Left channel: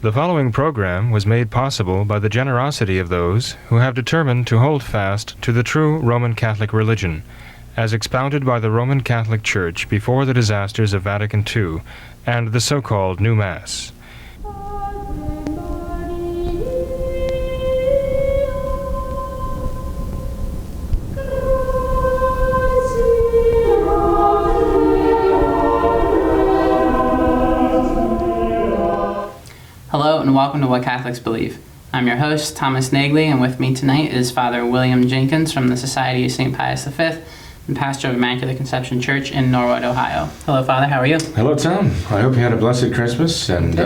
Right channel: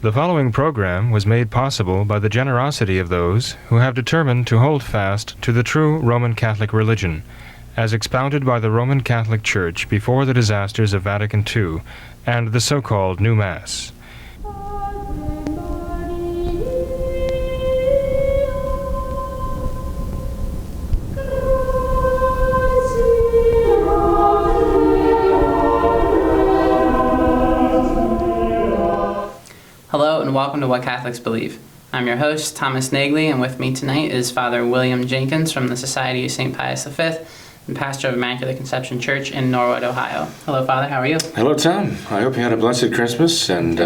The following program was made possible by the generosity of those who have determined to hold fast to the true Roman Catholic religion, as expounded by the Roman Catholic Church before the disasters of Vatican II and the so-called New Mass. Hello and welcome to What Catholics Believe. I'm your host, Thomas Naegele, and with me tonight is Father William Jenkins from the Society of St. Pius V and pastor of Immaculate Conception Church in Norwood, Ohio. Hello, Father. How are you? Hello, Tom. I hope you had a blessed Christmas, and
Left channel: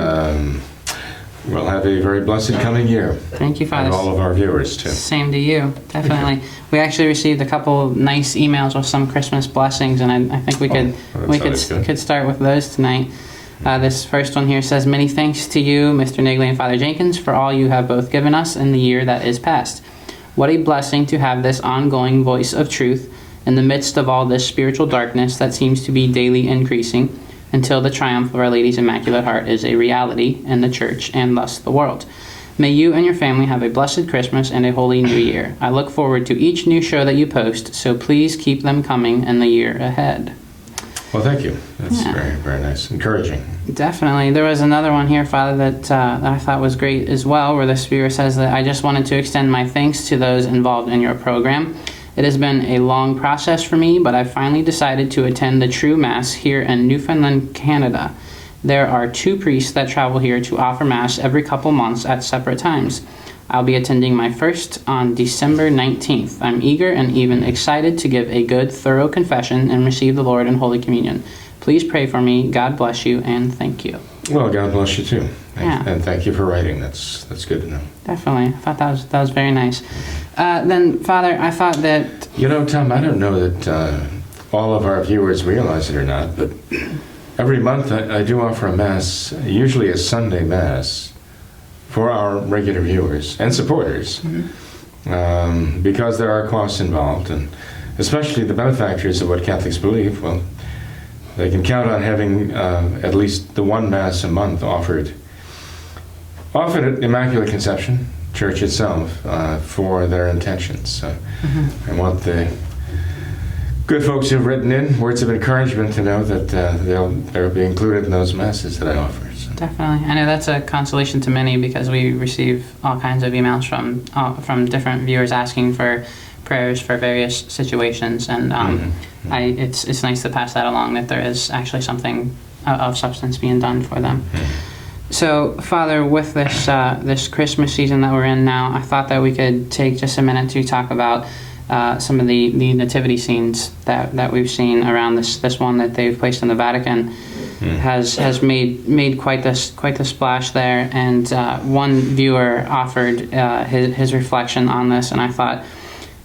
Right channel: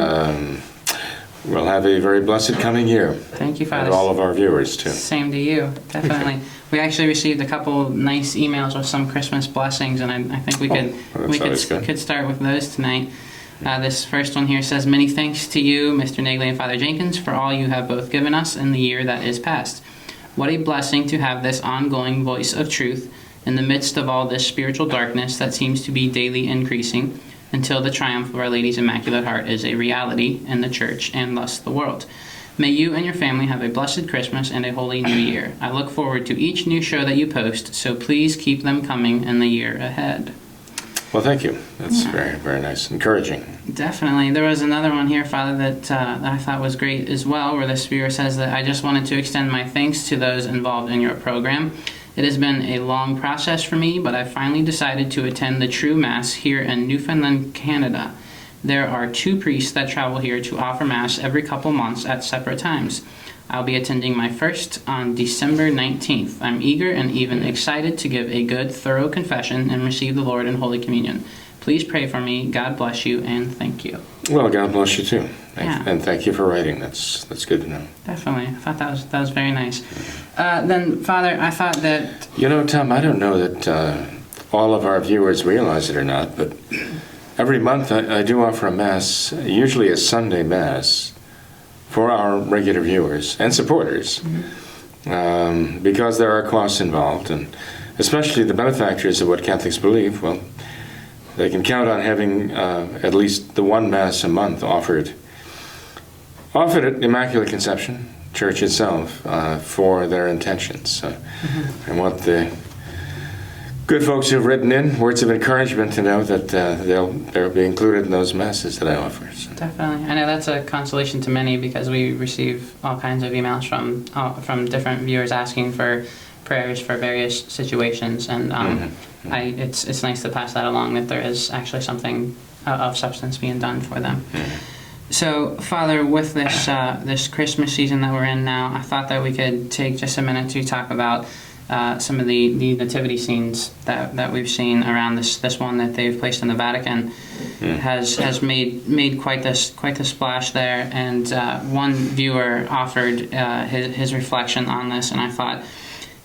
we'll have a very blessed coming year. Thank you, Father. And all of our viewers, too. Same to you, definitely. We actually received a couple nice emails with some Christmas blessings, and I think we could start with those tonight. This first one here says, "Many thanks to you, Mr. Naegele and Father Jenkins, for all you have both given us in the year that is past. What a blessing to have this ongoing voice of truth in the midst of all this spiritual darkness that seems to be daily increasing until the triumph of Our Lady's Immaculate Heart is a reality in the Church and thus the world. May you and your family have a blessed Christmas and a holy New Year. I look forward to each new show that you post, so please keep them coming in the year ahead." Well, thank you. That's very, very nice. Encouraging. Definitely. There was another one here, Father, that I thought was great as well, where the Spirit says that I just wanted to extend my thanks to those involved in your program. It has been a long process for me, but I finally decided to attend the true Mass here in Newfoundland, Canada. There are 2 priests that travel here to offer Mass every couple months at separate times. I'll be attending my first on December 19th. I'm eager and even excited to give a good, thorough confession and receive the Lord in Holy Communion. Please pray for me. God bless you, and thank you. Well, God bless you, too. Yeah. And thank you for writing. That's good to know. Definitely. I thought that was very nice. Then, Father, I thought that... You know, Tom, I don't know that all of our viewers realize it or not, but every month I do offer a Mass, usually a Sunday Mass, for our regular viewers and supporters, because there are costs involved, and especially the benefactors of What Catholics Believe, well, they can count on having at least the one Mass a month offered at Immaculate Conception Church itself for their intentions. So I want the good folks who've written in words of encouragement to know that they'll be included in those Masses that I offer. So. Definitely. I know that's a consolation to many because we receive all kinds of emails from different viewers asking for prayers for various situations, and it's nice to pass that along, that there is actually something of substance being done for them. So, Father, with this Christmas season that we're in now, I thought that we could take just a minute to talk about some of the nativity scenes that we've seen around this one that they've placed in the Vatican. Has made quite the splash there, and one viewer offered his reflection on this, and I thought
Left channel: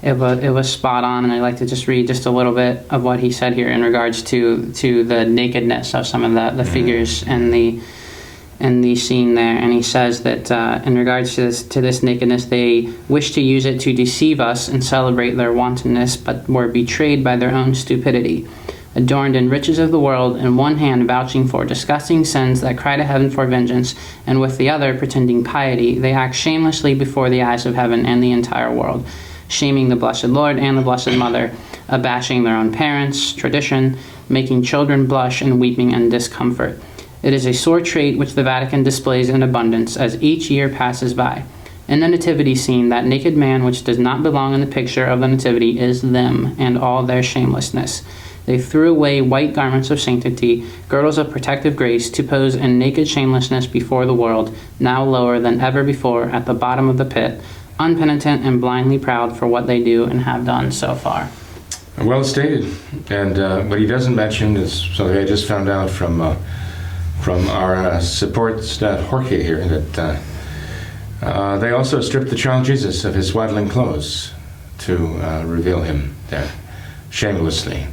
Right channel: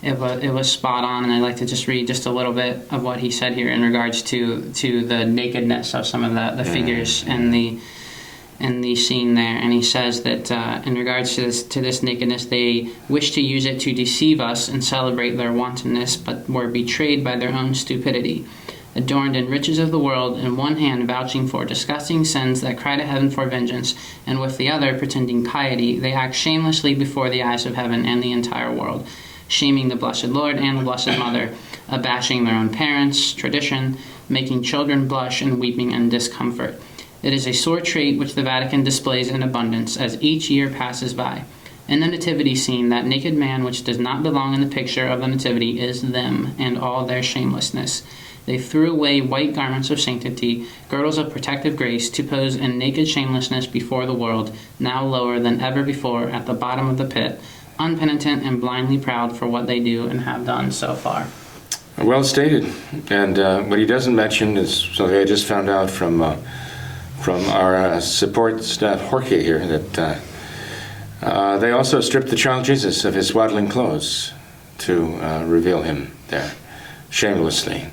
it was spot on, and I'd like to just read just a little bit of what he said here in regards to the nakedness of some of the figures in the scene there. And he says that in regards to this nakedness, they wish to use it to deceive us and celebrate their wantonness, but were betrayed by their own stupidity. Adorned in riches of the world, in one hand vouching for disgusting sins that cry to heaven for vengeance, and with the other pretending piety, they act shamelessly before the eyes of heaven and the entire world, shaming the Blessed Lord and the Blessed Mother, abashing their own parents, tradition, making children blush and weeping in discomfort. It is a sore trait which the Vatican displays in abundance as each year passes by. In the nativity scene, that naked man which does not belong in the picture of the nativity is them and all their shamelessness. They threw away white garments of sanctity, girdles of protective grace, to pose in naked shamelessness before the world, now lower than ever before at the bottom of the pit, unpenitent and blindly proud for what they do and have done so far. Well stated. And what he doesn't mention is something I just found out from our support staff, Jorge, here, that they also stripped the child Jesus of his swaddling clothes to reveal him there shamelessly.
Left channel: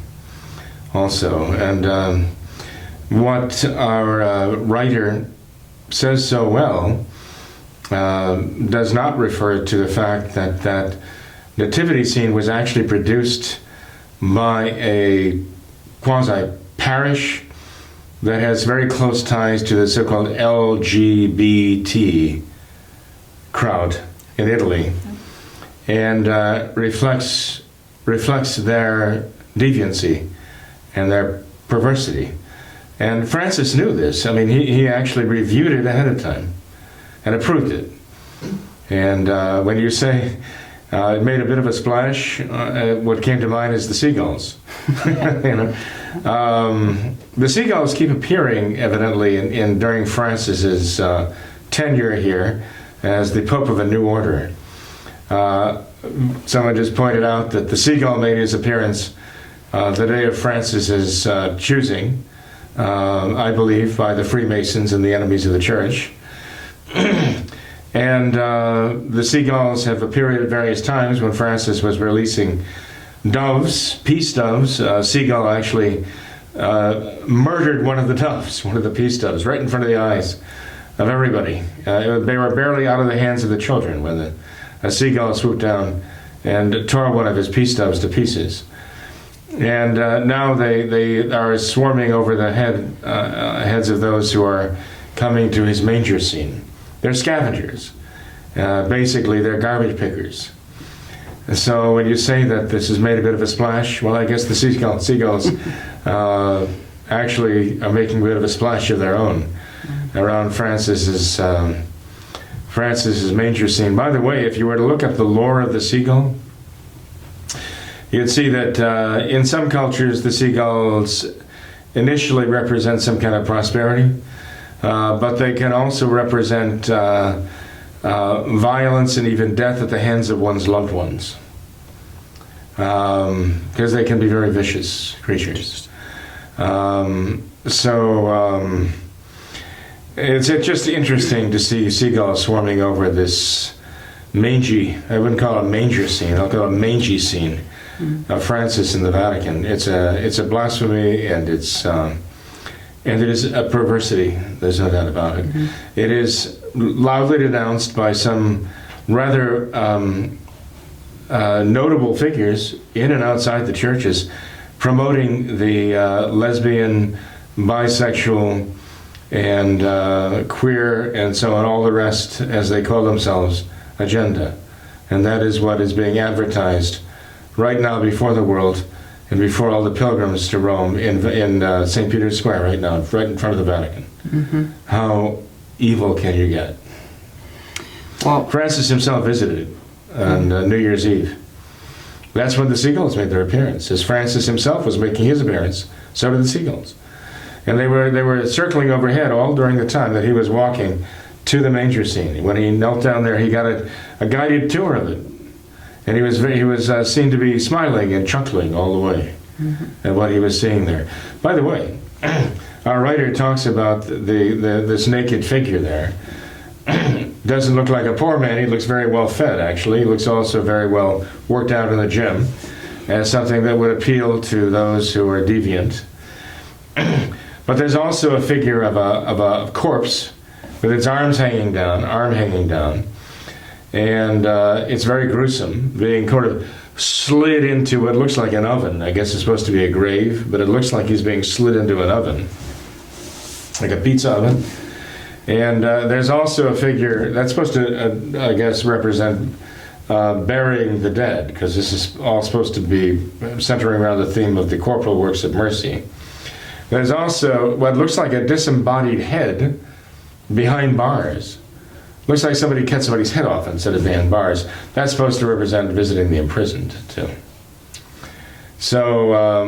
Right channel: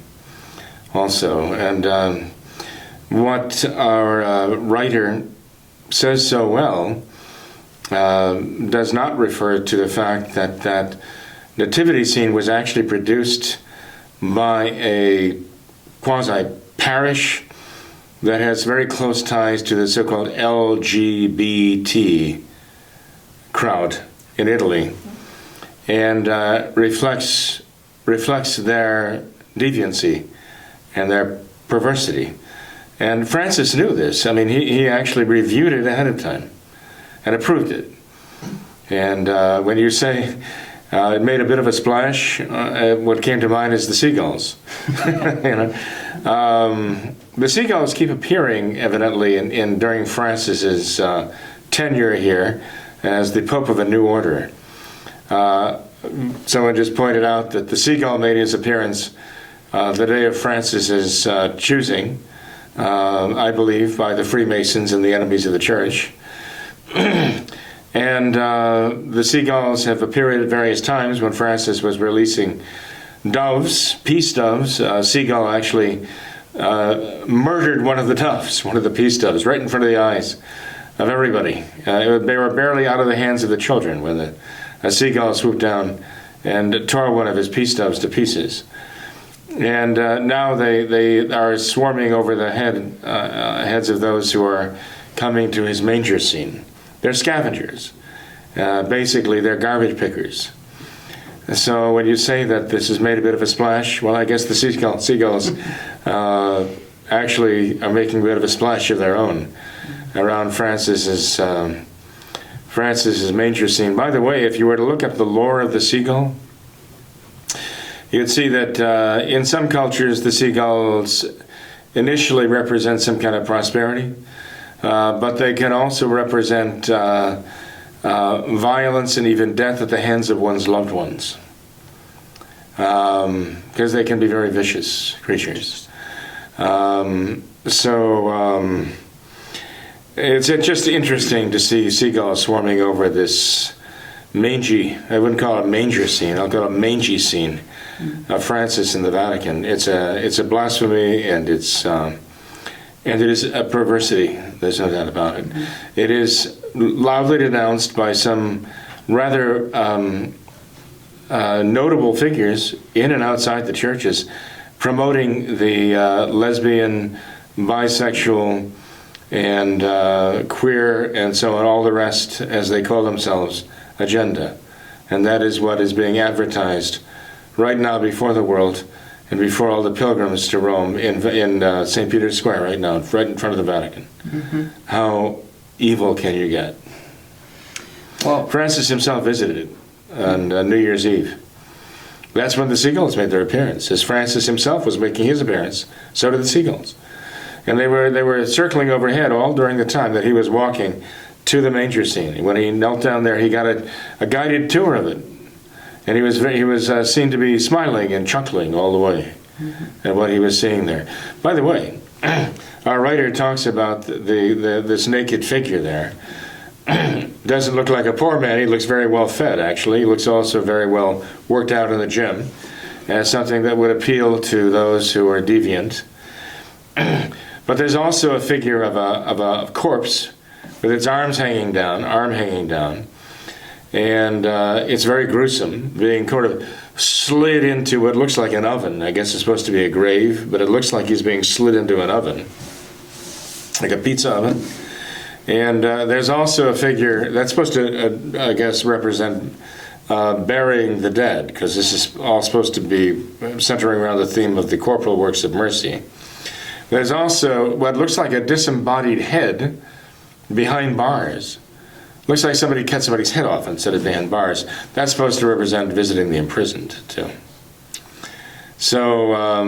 Also, and what our writer says so well does not refer to the fact that nativity scene was actually produced by a quasi-parish that has very close ties to the so-called LGBT crowd in Italy, and reflects their deviancy and their perversity. And Francis knew this. I mean, he actually reviewed it ahead of time and approved it. And when you say it made a bit of a splash, what came to mind is the seagulls. The seagulls keep appearing, evidently, during Francis's tenure here as the Pope of a New Order. Someone just pointed out that the seagull made his appearance the day of Francis's choosing, I believe, by the Freemasons and the enemies of the Church. And the seagulls have appeared at various times when Francis was releasing doves, peace doves. Seagull actually murdered one of the doves, one of the peace doves, right in front of the eyes of everybody. They were barely out of the hands of the children when a seagull swooped down and tore one of his peace doves to pieces. And now they are swarming over the heads of those who are coming to his manger scene. They're scavengers. Basically, they're garbage pickers. So when you say that this has made a bit of a splash, well, I guess the seagulls actually are making a bit of a splash of their own around Francis's manger scene. By the way, if you were to look at the lore of the seagull, you'd see that in some cultures the seagulls initially represent some kind of prosperity, but they can also represent violence and even death at the hands of one's loved ones, because they can be very vicious creatures. It's just interesting to see seagulls swarming over this mangy, I wouldn't call it manger scene, I'll call it mangy scene of Francis in the Vatican. It's a blasphemy, and it is a perversity. There's no doubt about it. It is loudly denounced by some rather notable figures in and outside the churches, promoting the lesbian, bisexual, and queer, and so on, all the rest, as they call themselves, agenda. And that is what is being advertised right now before the world and before all the pilgrims to Rome in St. Peter's Square right now, right in front of the Vatican. Mm-hmm. How evil can you get? Well, Francis himself visited it on New Year's Eve. That's when the seagulls made their appearance. As Francis himself was making his appearance, so did the seagulls. And they were circling overhead all during the time that he was walking to the manger scene. When he knelt down there, he got a guided tour of it. And he was seen to be smiling and chuckling all the way at what he was seeing there. By the way, our writer talks about this naked figure there. Doesn't look like a poor man. He looks very well fed, actually. He looks also very well worked out in the gym. And something that would appeal to those who are deviant. But there's also a figure of a corpse with its arm hanging down. And it's very gruesome, being kind of slid into what looks like an oven. I guess it's supposed to be a grave, but it looks like he's being slid into an oven, like a pizza oven. And there's also a figure that's supposed to, I guess, represent burying the dead, because this is all supposed to be centering around the theme of the corporal works of mercy. There's also what looks like a disembodied head behind bars. Looks like somebody cut somebody's head off instead of behind bars. That's supposed to represent visiting the imprisoned, too. So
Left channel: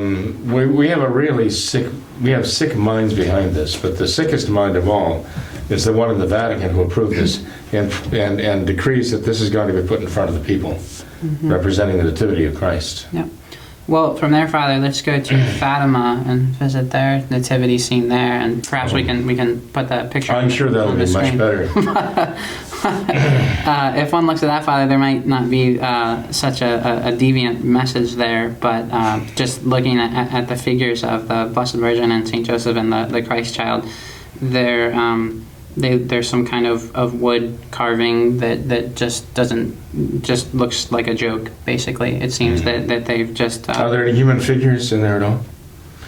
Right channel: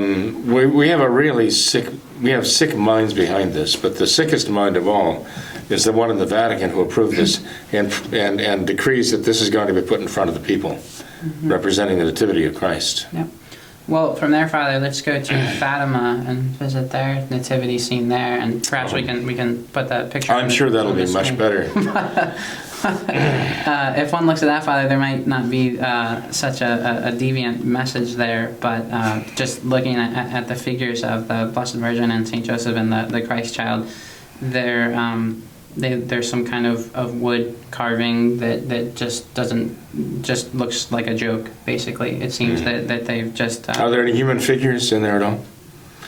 we have sick minds behind this, but the sickest mind of all is the one in the Vatican who approved this and decrees that this is going to be put in front of the people, representing the Nativity of Christ. Yeah. Well, from there, Father, let's go to Fatima and visit their nativity scene there, and perhaps we can put that picture. I'm sure that'll be much better. If one looks at that, Father, there might not be such a deviant message there, but just looking at the figures of the Blessed Virgin and Saint Joseph and the Christ Child, there's some kind of wood carving that just looks like a joke. Basically, it seems that they've just. Are there any human figures in there at all?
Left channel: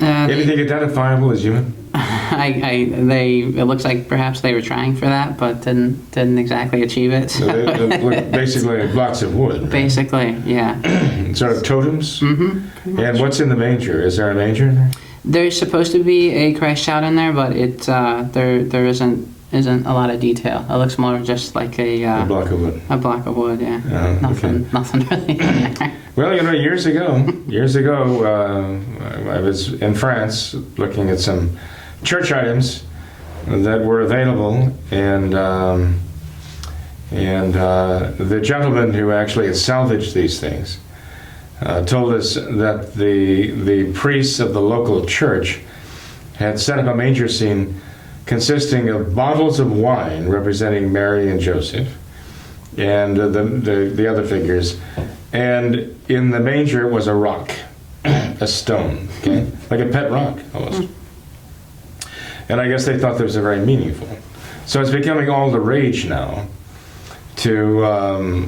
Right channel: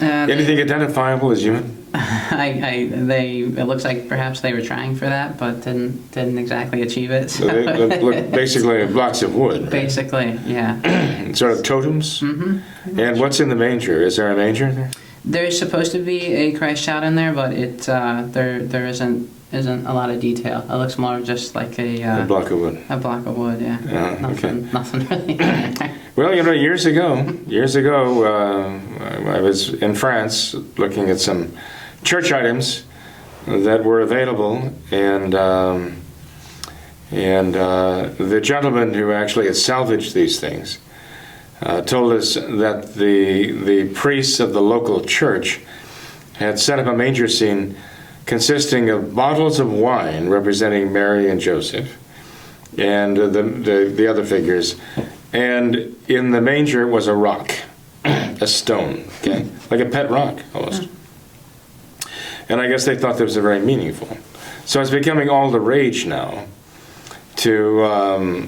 Anything identifiable as human? It looks like perhaps they were trying for that, but didn't exactly achieve it. So they look basically like blocks of wood. Right? Basically, yeah. Sort of totems. Mm-hmm. And what's in the manger? Is there a manger there? There's supposed to be a Christ child in there, but there isn't a lot of detail. It looks more just like A block of wood. a block of wood. Yeah. Nothing really. There. Well, years ago, I was in France looking at some church items that were available, and the gentleman who actually had salvaged these things told us that the priests of the local church had set up a manger scene consisting of bottles of wine representing Mary and Joseph, and the other figures. And in the manger was a rock, a stone, okay? Like a pet rock, almost. And I guess they thought this was very meaningful. So it's becoming all the rage now to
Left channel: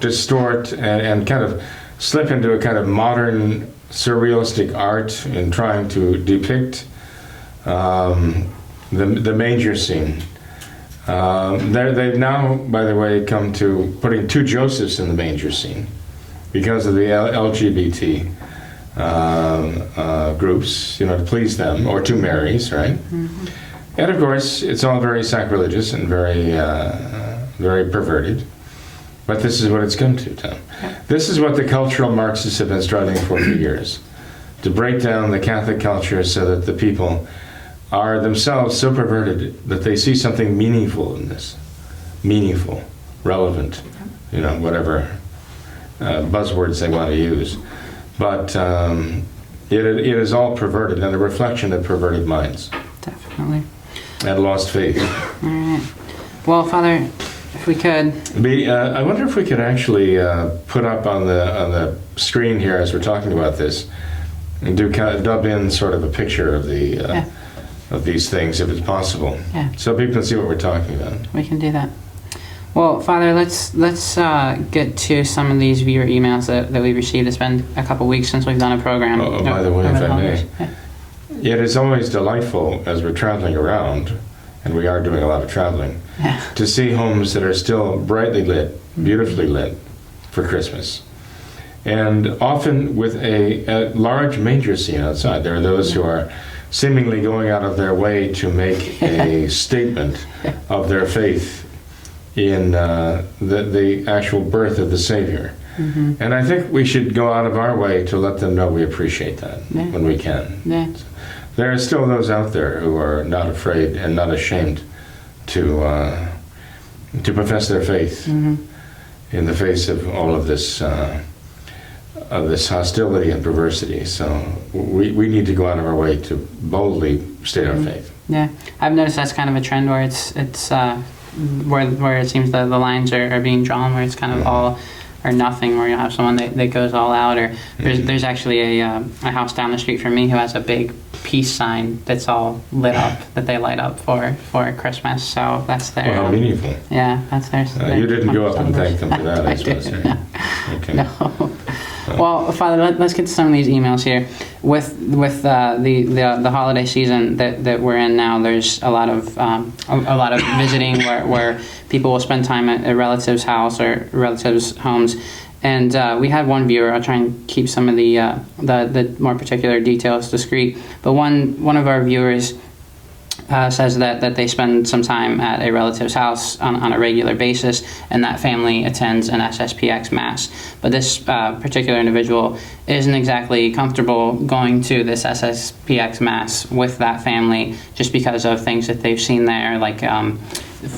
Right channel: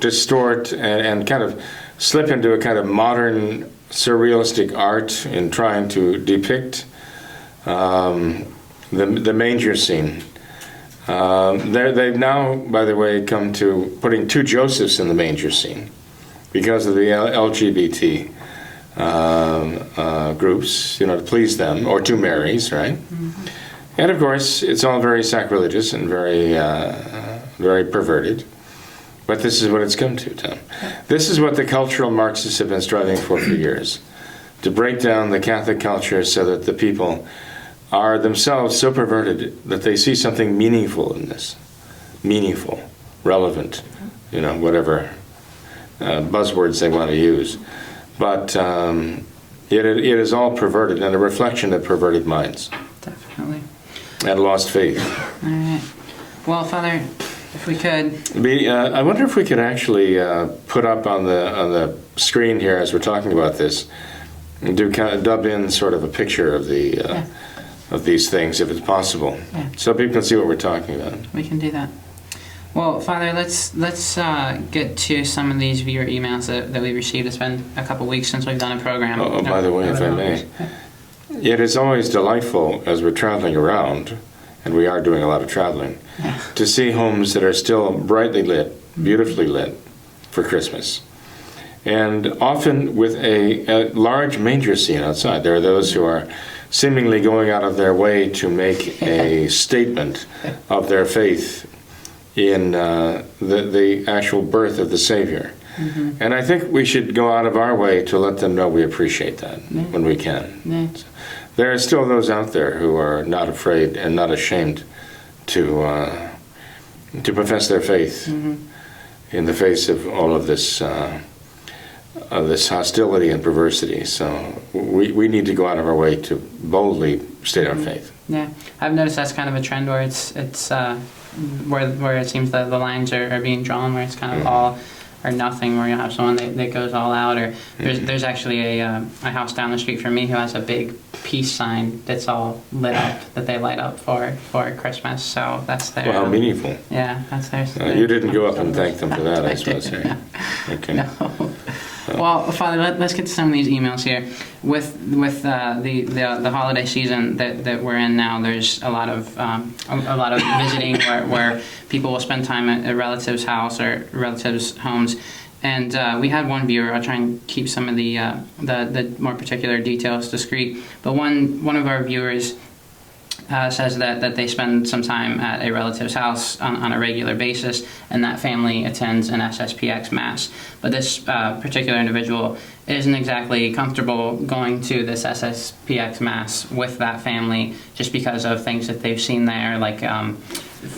distort and kind of slip into a kind of modern surrealistic art in trying to depict the manger scene. They've now, by the way, come to putting 2 Josephs in the manger scene because of the LGBT groups, to please them, or 2 Marys, right? Mm-hmm. And of course, it's all very sacrilegious and very perverted. But this is what it's come to, Tom. This is what the cultural Marxists have been striving for years, to break down the Catholic culture so that the people are themselves so perverted that they see something meaningful in this. Meaningful, relevant, whatever buzzwords they want to use. But it is all perverted and a reflection of perverted minds. Definitely. And lost faith. All right. Well, Father, if we could... I wonder if we could actually put up on the screen here as we're talking about this and dub in sort of a picture of the... of these things, if it's possible, so people can see what we're talking about. We can do that. Well, Father, let's get to some of these viewer emails that we received. It's been a couple weeks since we've done a program. Oh, by the way, if I may, it is always delightful as we're traveling around, and we are doing a lot of traveling, to see homes that are still brightly lit, beautifully lit for Christmas. And often with a large manger scene outside. There are those who are seemingly going out of their way to make a statement of their faith in the actual birth of the Savior. Mm-hmm. And I think we should go out of our way to let them know we appreciate that when we can. Yeah. There are still those out there who are not afraid and not ashamed to profess their faith in the face of all of this hostility and perversity. So we need to go out of our way to boldly state our faith. Yeah, I've noticed that's kind of a trend where it's where it seems that the lines are being drawn, where it's kind of all or nothing, where you'll have someone that goes all out. Or there's actually a house down the street from me who has a big peace sign that's all lit up, that they light up for Christmas. So that's their... Well, how meaningful. Yeah, that's their... You didn't go up and thank them for that, I suppose. No. Okay. No. Well, Father, let's get to some of these emails here. With the holiday season that we're in now, there's a lot of visiting where people will spend time at a relative's house or relatives' homes. And we had one viewer. I'll try and keep some of the more particular details discreet. But one of our viewers says that they spend some time at a relative's house on a regular basis, and that family attends an SSPX Mass. But this particular individual isn't exactly comfortable going to this SSPX Mass with that family just because of things that they've seen there. Like,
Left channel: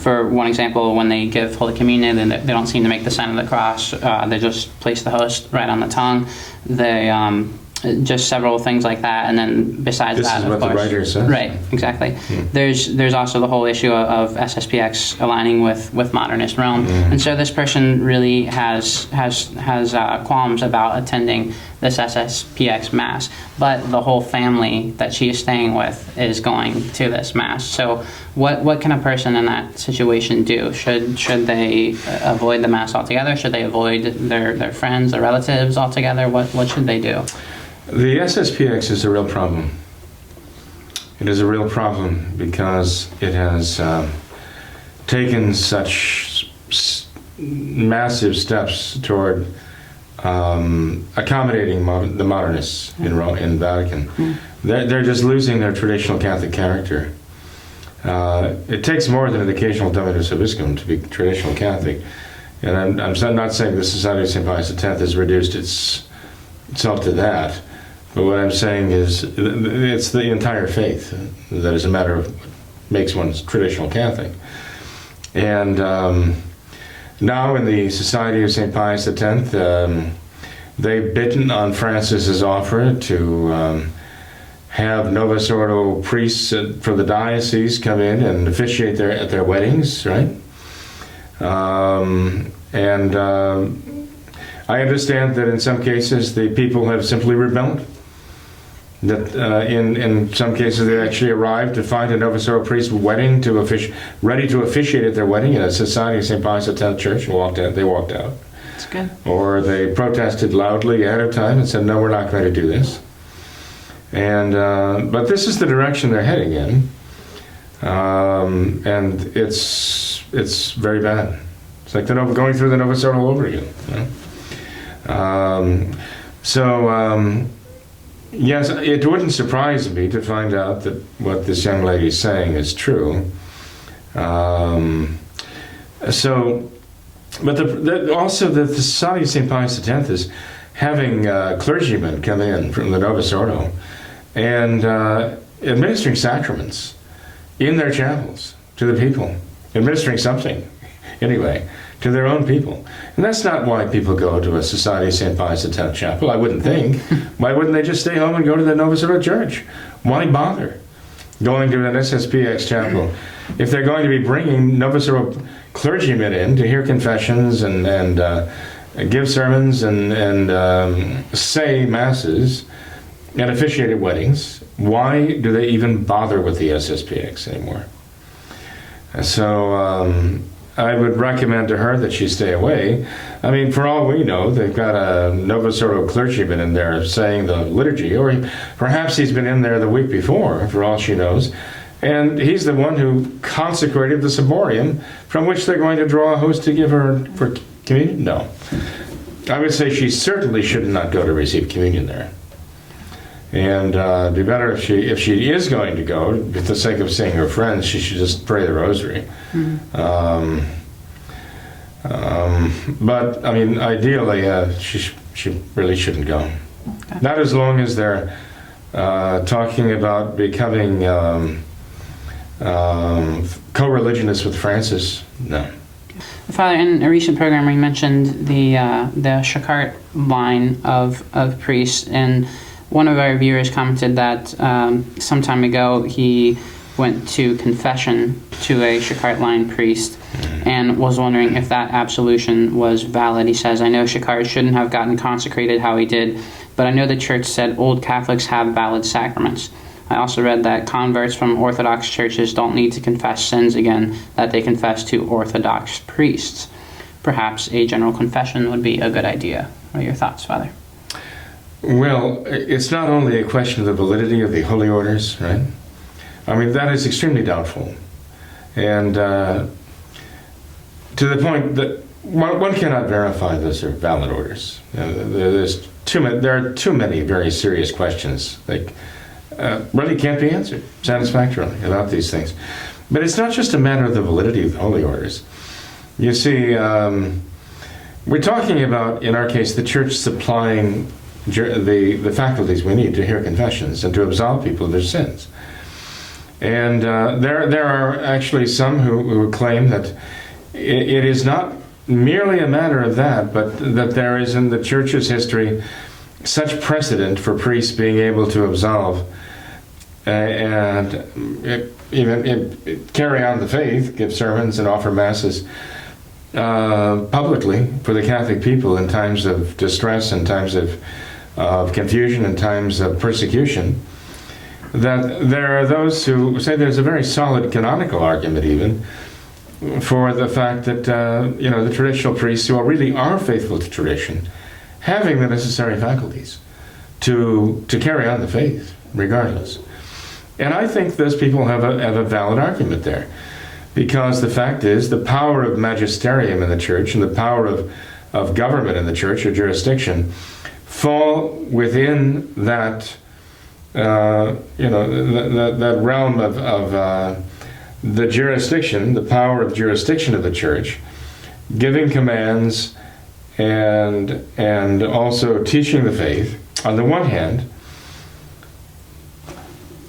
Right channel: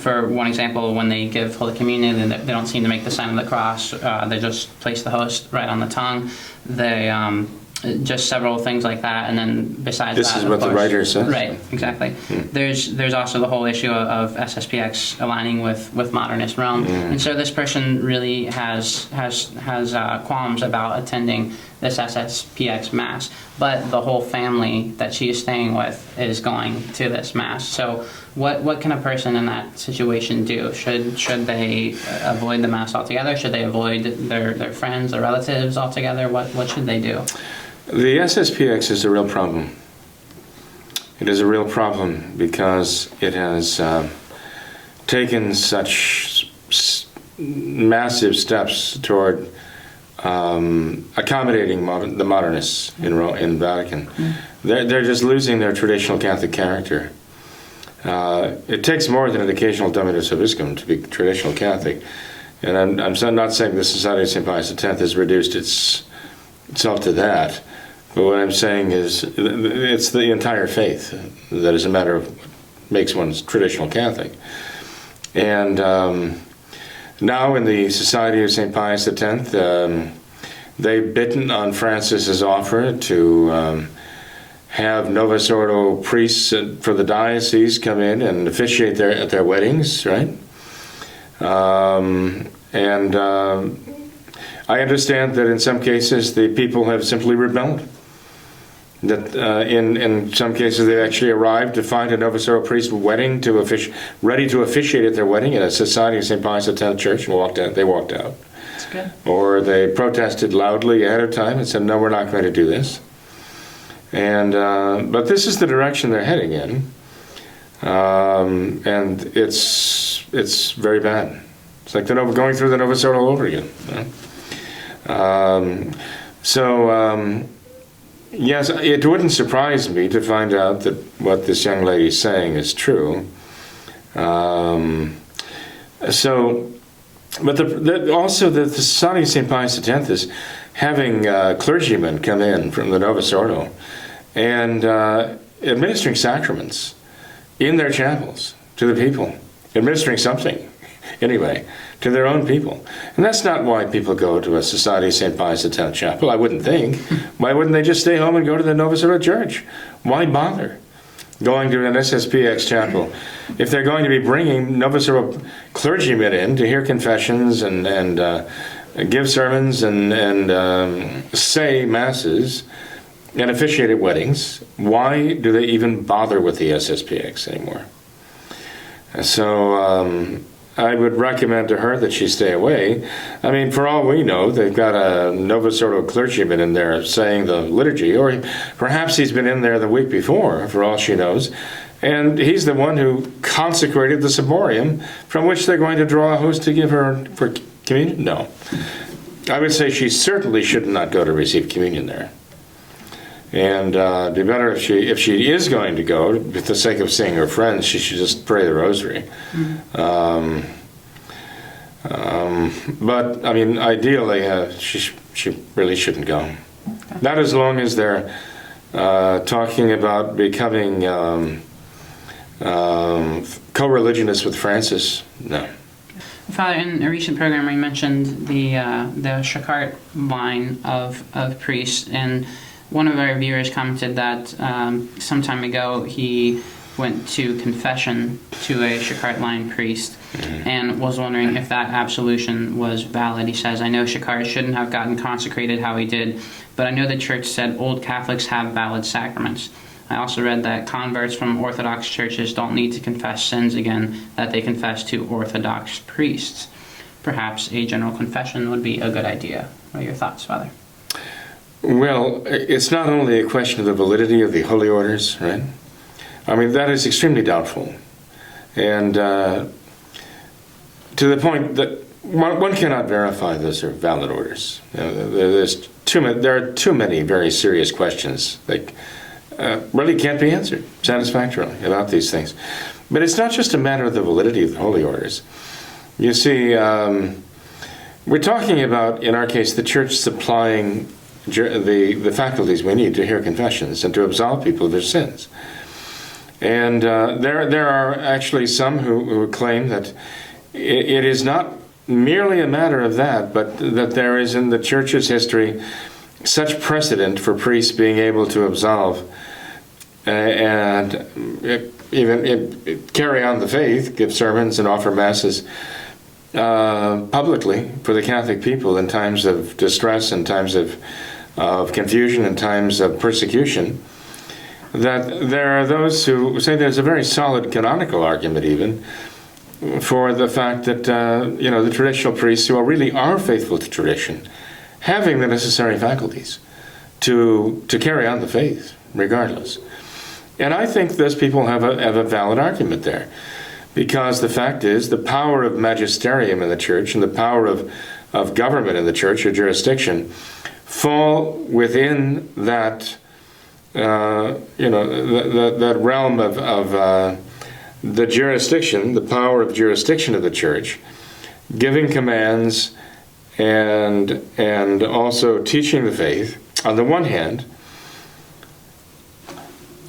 for one example, when they give Holy Communion, they don't seem to make the sign of the cross. They just place the host right on the tongue. They... just several things like that, and then besides this that, is what the writer says. Right, exactly. There's also the whole issue of SSPX aligning with modernist Rome, and so this person really has qualms about attending this SSPX Mass, but the whole family that she is staying with is going to this Mass. So what can a person in that situation do? Should they avoid the Mass altogether? Should they avoid their friends, their relatives altogether? What should they do? The SSPX is a real problem. It is a real problem because it has taken such massive steps toward accommodating the modernists in Vatican. They're just losing their traditional Catholic character. It takes more than an occasional Dominus Obiscum to be traditional Catholic. And I'm not saying the Society of St. Pius X has reduced itself to that. But what I'm saying is it's the entire faith that is a matter of what makes one traditional Catholic. And now in the Society of St. Pius X, they've bitten on Francis's offer to have Novus Ordo priests for the diocese come in and officiate at their weddings, right? I understand that in some cases the people have simply rebelled. That in some cases they actually arrived to find a Novus Ordo priest ready to officiate at their wedding at a Society of St. Pius X church, and they walked out. That's good. Or they protested loudly ahead of time and said, no, we're not going to do this. And but this is the direction they're heading in, and it's very bad. It's like they're going through the Novus Ordo all over again. Yes, it wouldn't surprise me to find out that what this young lady is saying is true. But also the Society of St. Pius X is having clergymen come in from the Novus Ordo and administering sacraments in their chapels to the people, administering something, anyway, to their own people. And that's not why people go to a Society of St. Pius X chapel, I wouldn't think. Why wouldn't they just stay home and go to the Novus Ordo church? Why bother going to an SSPX chapel if they're going to be bringing Novus Ordo clergymen in to hear confessions and give sermons and say masses and officiate at weddings? Why do they even bother with the SSPX anymore? So I would recommend to her that she stay away. I mean, for all we know, they've got a Novus Ordo clergyman in there saying the liturgy, or perhaps he's been in there the week before, for all she knows. And he's the one who consecrated the ciborium from which they're going to draw a host to give her for communion? No. I would say she certainly should not go to receive communion there. And it'd be better if she is going to go, for the sake of seeing her friends, she should just pray the rosary. But, I mean, ideally, she really shouldn't go. Not as long as they're talking about becoming co-religionists with Francis. No. Father, in a recent program, we mentioned the Shakart line of priests, and one of our viewers commented that some time ago he went to confession to a Shakart line priest and was wondering if that absolution was valid. He says, I know Shakart shouldn't have gotten consecrated how he did, but I know the church said old Catholics have valid sacraments. I also read that converts from Orthodox churches don't need to confess sins again, that they confess to Orthodox priests. Perhaps a general confession would be a good idea. What are your thoughts, Father? Well, it's not only a question of the validity of the holy orders, right? I mean, that is extremely doubtful. And to the point that one cannot verify those are valid orders. There are too many very serious questions that really can't be answered satisfactorily about these things. But it's not just a matter of the validity of the holy orders. You see, we're talking about, in our case, the church supplying the faculties we need to hear confessions and to absolve people of their sins. And there are actually some who claim that it is not merely a matter of that, but that there is in the church's history such precedent for priests being able to absolve and even carry on the faith, give sermons and offer masses publicly for the Catholic people in times of distress, in times of confusion, in times of persecution, that there are those who say there's a very solid canonical argument even for the fact that the traditional priests who really are faithful to tradition, having the necessary faculties to carry on the faith regardless. And I think those people have a valid argument there. Because the fact is, the power of magisterium in the church and the power of government in the church or jurisdiction fall within that, that realm of the jurisdiction, the power of jurisdiction of the church, giving commands and also teaching the faith, on the one hand,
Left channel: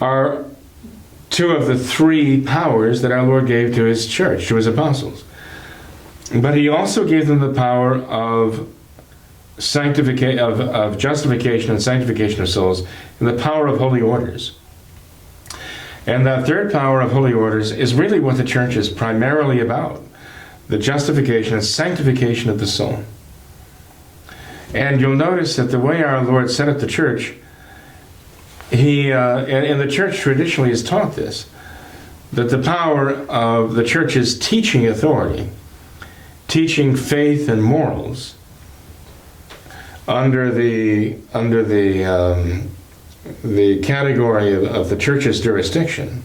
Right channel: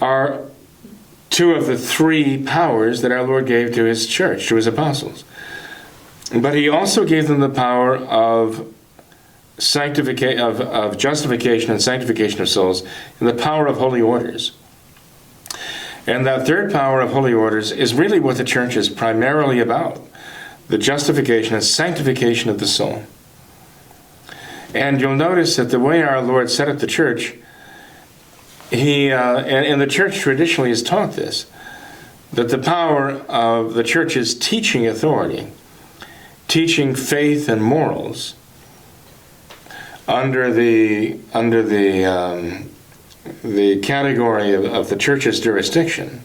are two of the three powers that our Lord gave to his church, to his apostles. But he also gave them the power of sanctification, of justification and sanctification of souls, and the power of holy orders. And that third power of holy orders is really what the church is primarily about, the justification and sanctification of the soul. And you'll notice that the way our Lord set up the church, and the church traditionally has taught this, that the power of the church's teaching authority, teaching faith and morals, under the category of the church's jurisdiction,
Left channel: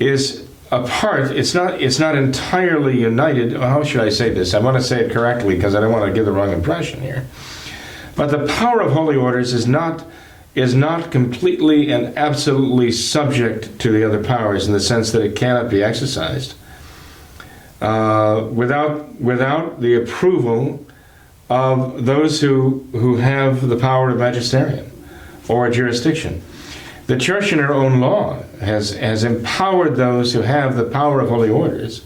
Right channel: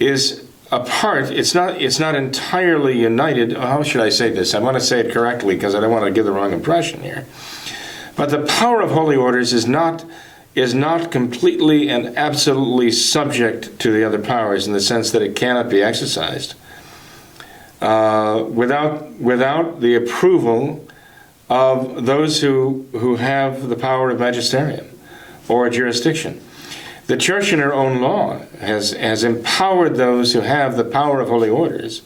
is apart. It's not entirely united. How should I say this? I want to say it correctly because I don't want to give the wrong impression here. But the power of holy orders is not completely and absolutely subject to the other powers, in the sense that it cannot be exercised without the approval of those who have the power of magisterium or jurisdiction. The church in her own law has empowered those who have the power of holy orders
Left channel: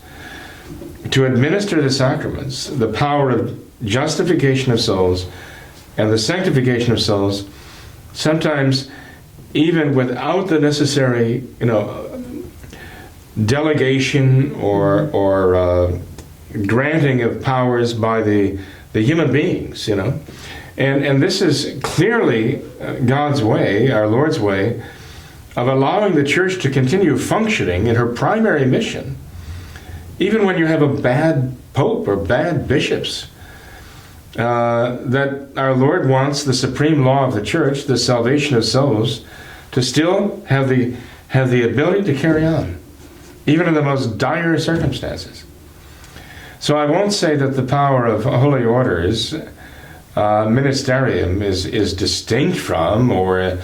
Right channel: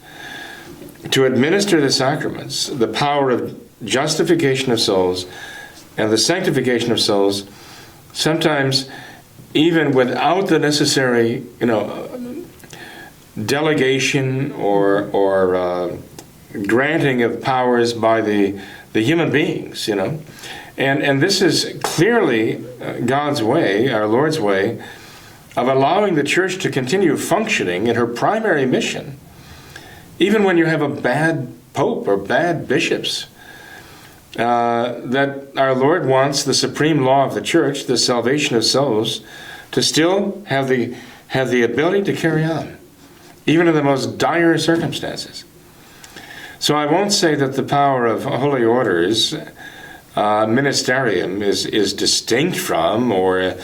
to administer the sacraments, the power of justification of souls and the sanctification of souls, sometimes even without the necessary, delegation or granting of powers by the human beings, And this is clearly God's way, our Lord's way, of allowing the church to continue functioning in her primary mission, even when you have a bad pope or bad bishops. That our Lord wants the supreme law of the church, the salvation of souls, to still have the ability to carry on, even in the most dire circumstances. So I won't say that the power of holy orders, ministerium, is distinct from or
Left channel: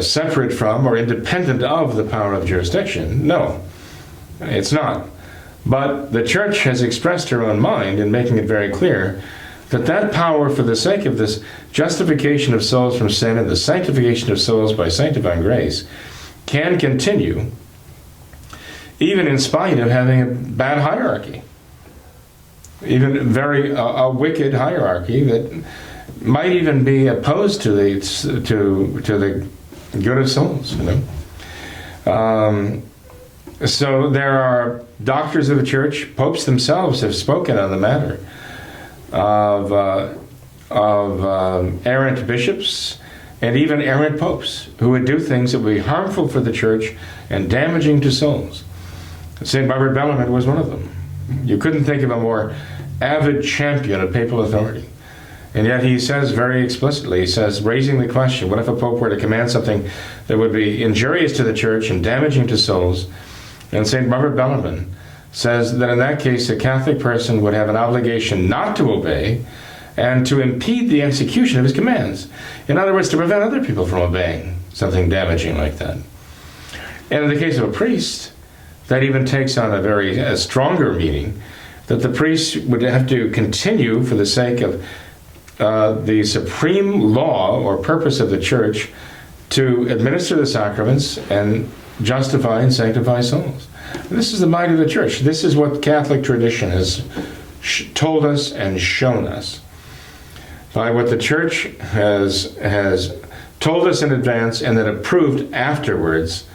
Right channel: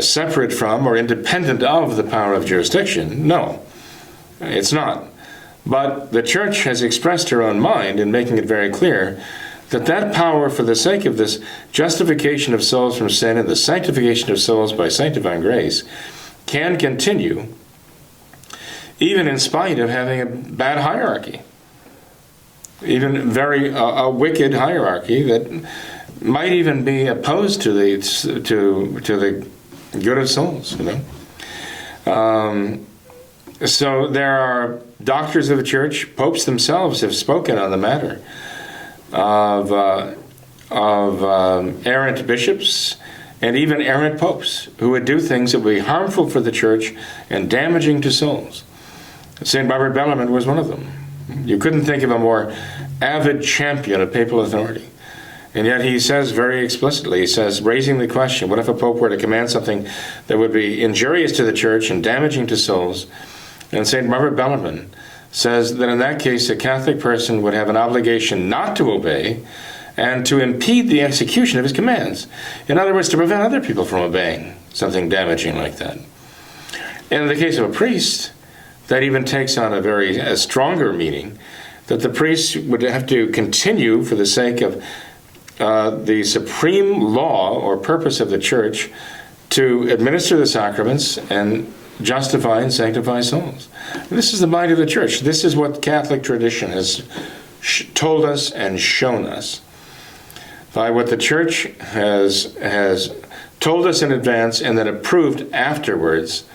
separate from or independent of the power of jurisdiction. No, it's not. But the church has expressed her own mind in making it very clear that power, for the sake of this justification of souls from sin and the sanctification of souls by sanctifying grace, can continue even in spite of having a bad hierarchy, even a wicked hierarchy that might even be opposed to the good of souls. So there are doctors of the church. Popes themselves have spoken on the matter of errant bishops and even errant popes who would do things that would be harmful for the church and damaging to souls. St. Robert Bellarmine was one of them. You couldn't think of a more avid champion of papal authority. And yet he says very explicitly, he says, raising the question, what if a pope were to command something that would be injurious to the church and damaging to souls? And St. Robert Bellarmine says that in that case, a Catholic person would have an obligation not to obey and to impede the execution of his commands. In other words, to prevent other people from obeying something damaging like that. And in the case of a priest, that even takes on a stronger meaning, that the priest would have to continue for the sake of the supreme law or purpose of the church to administer the sacraments and justify and sanctify souls. This is the mind of the church. This is what Catholic tradition has told us and shown us. By what the church has told us in advance and then approved afterwards,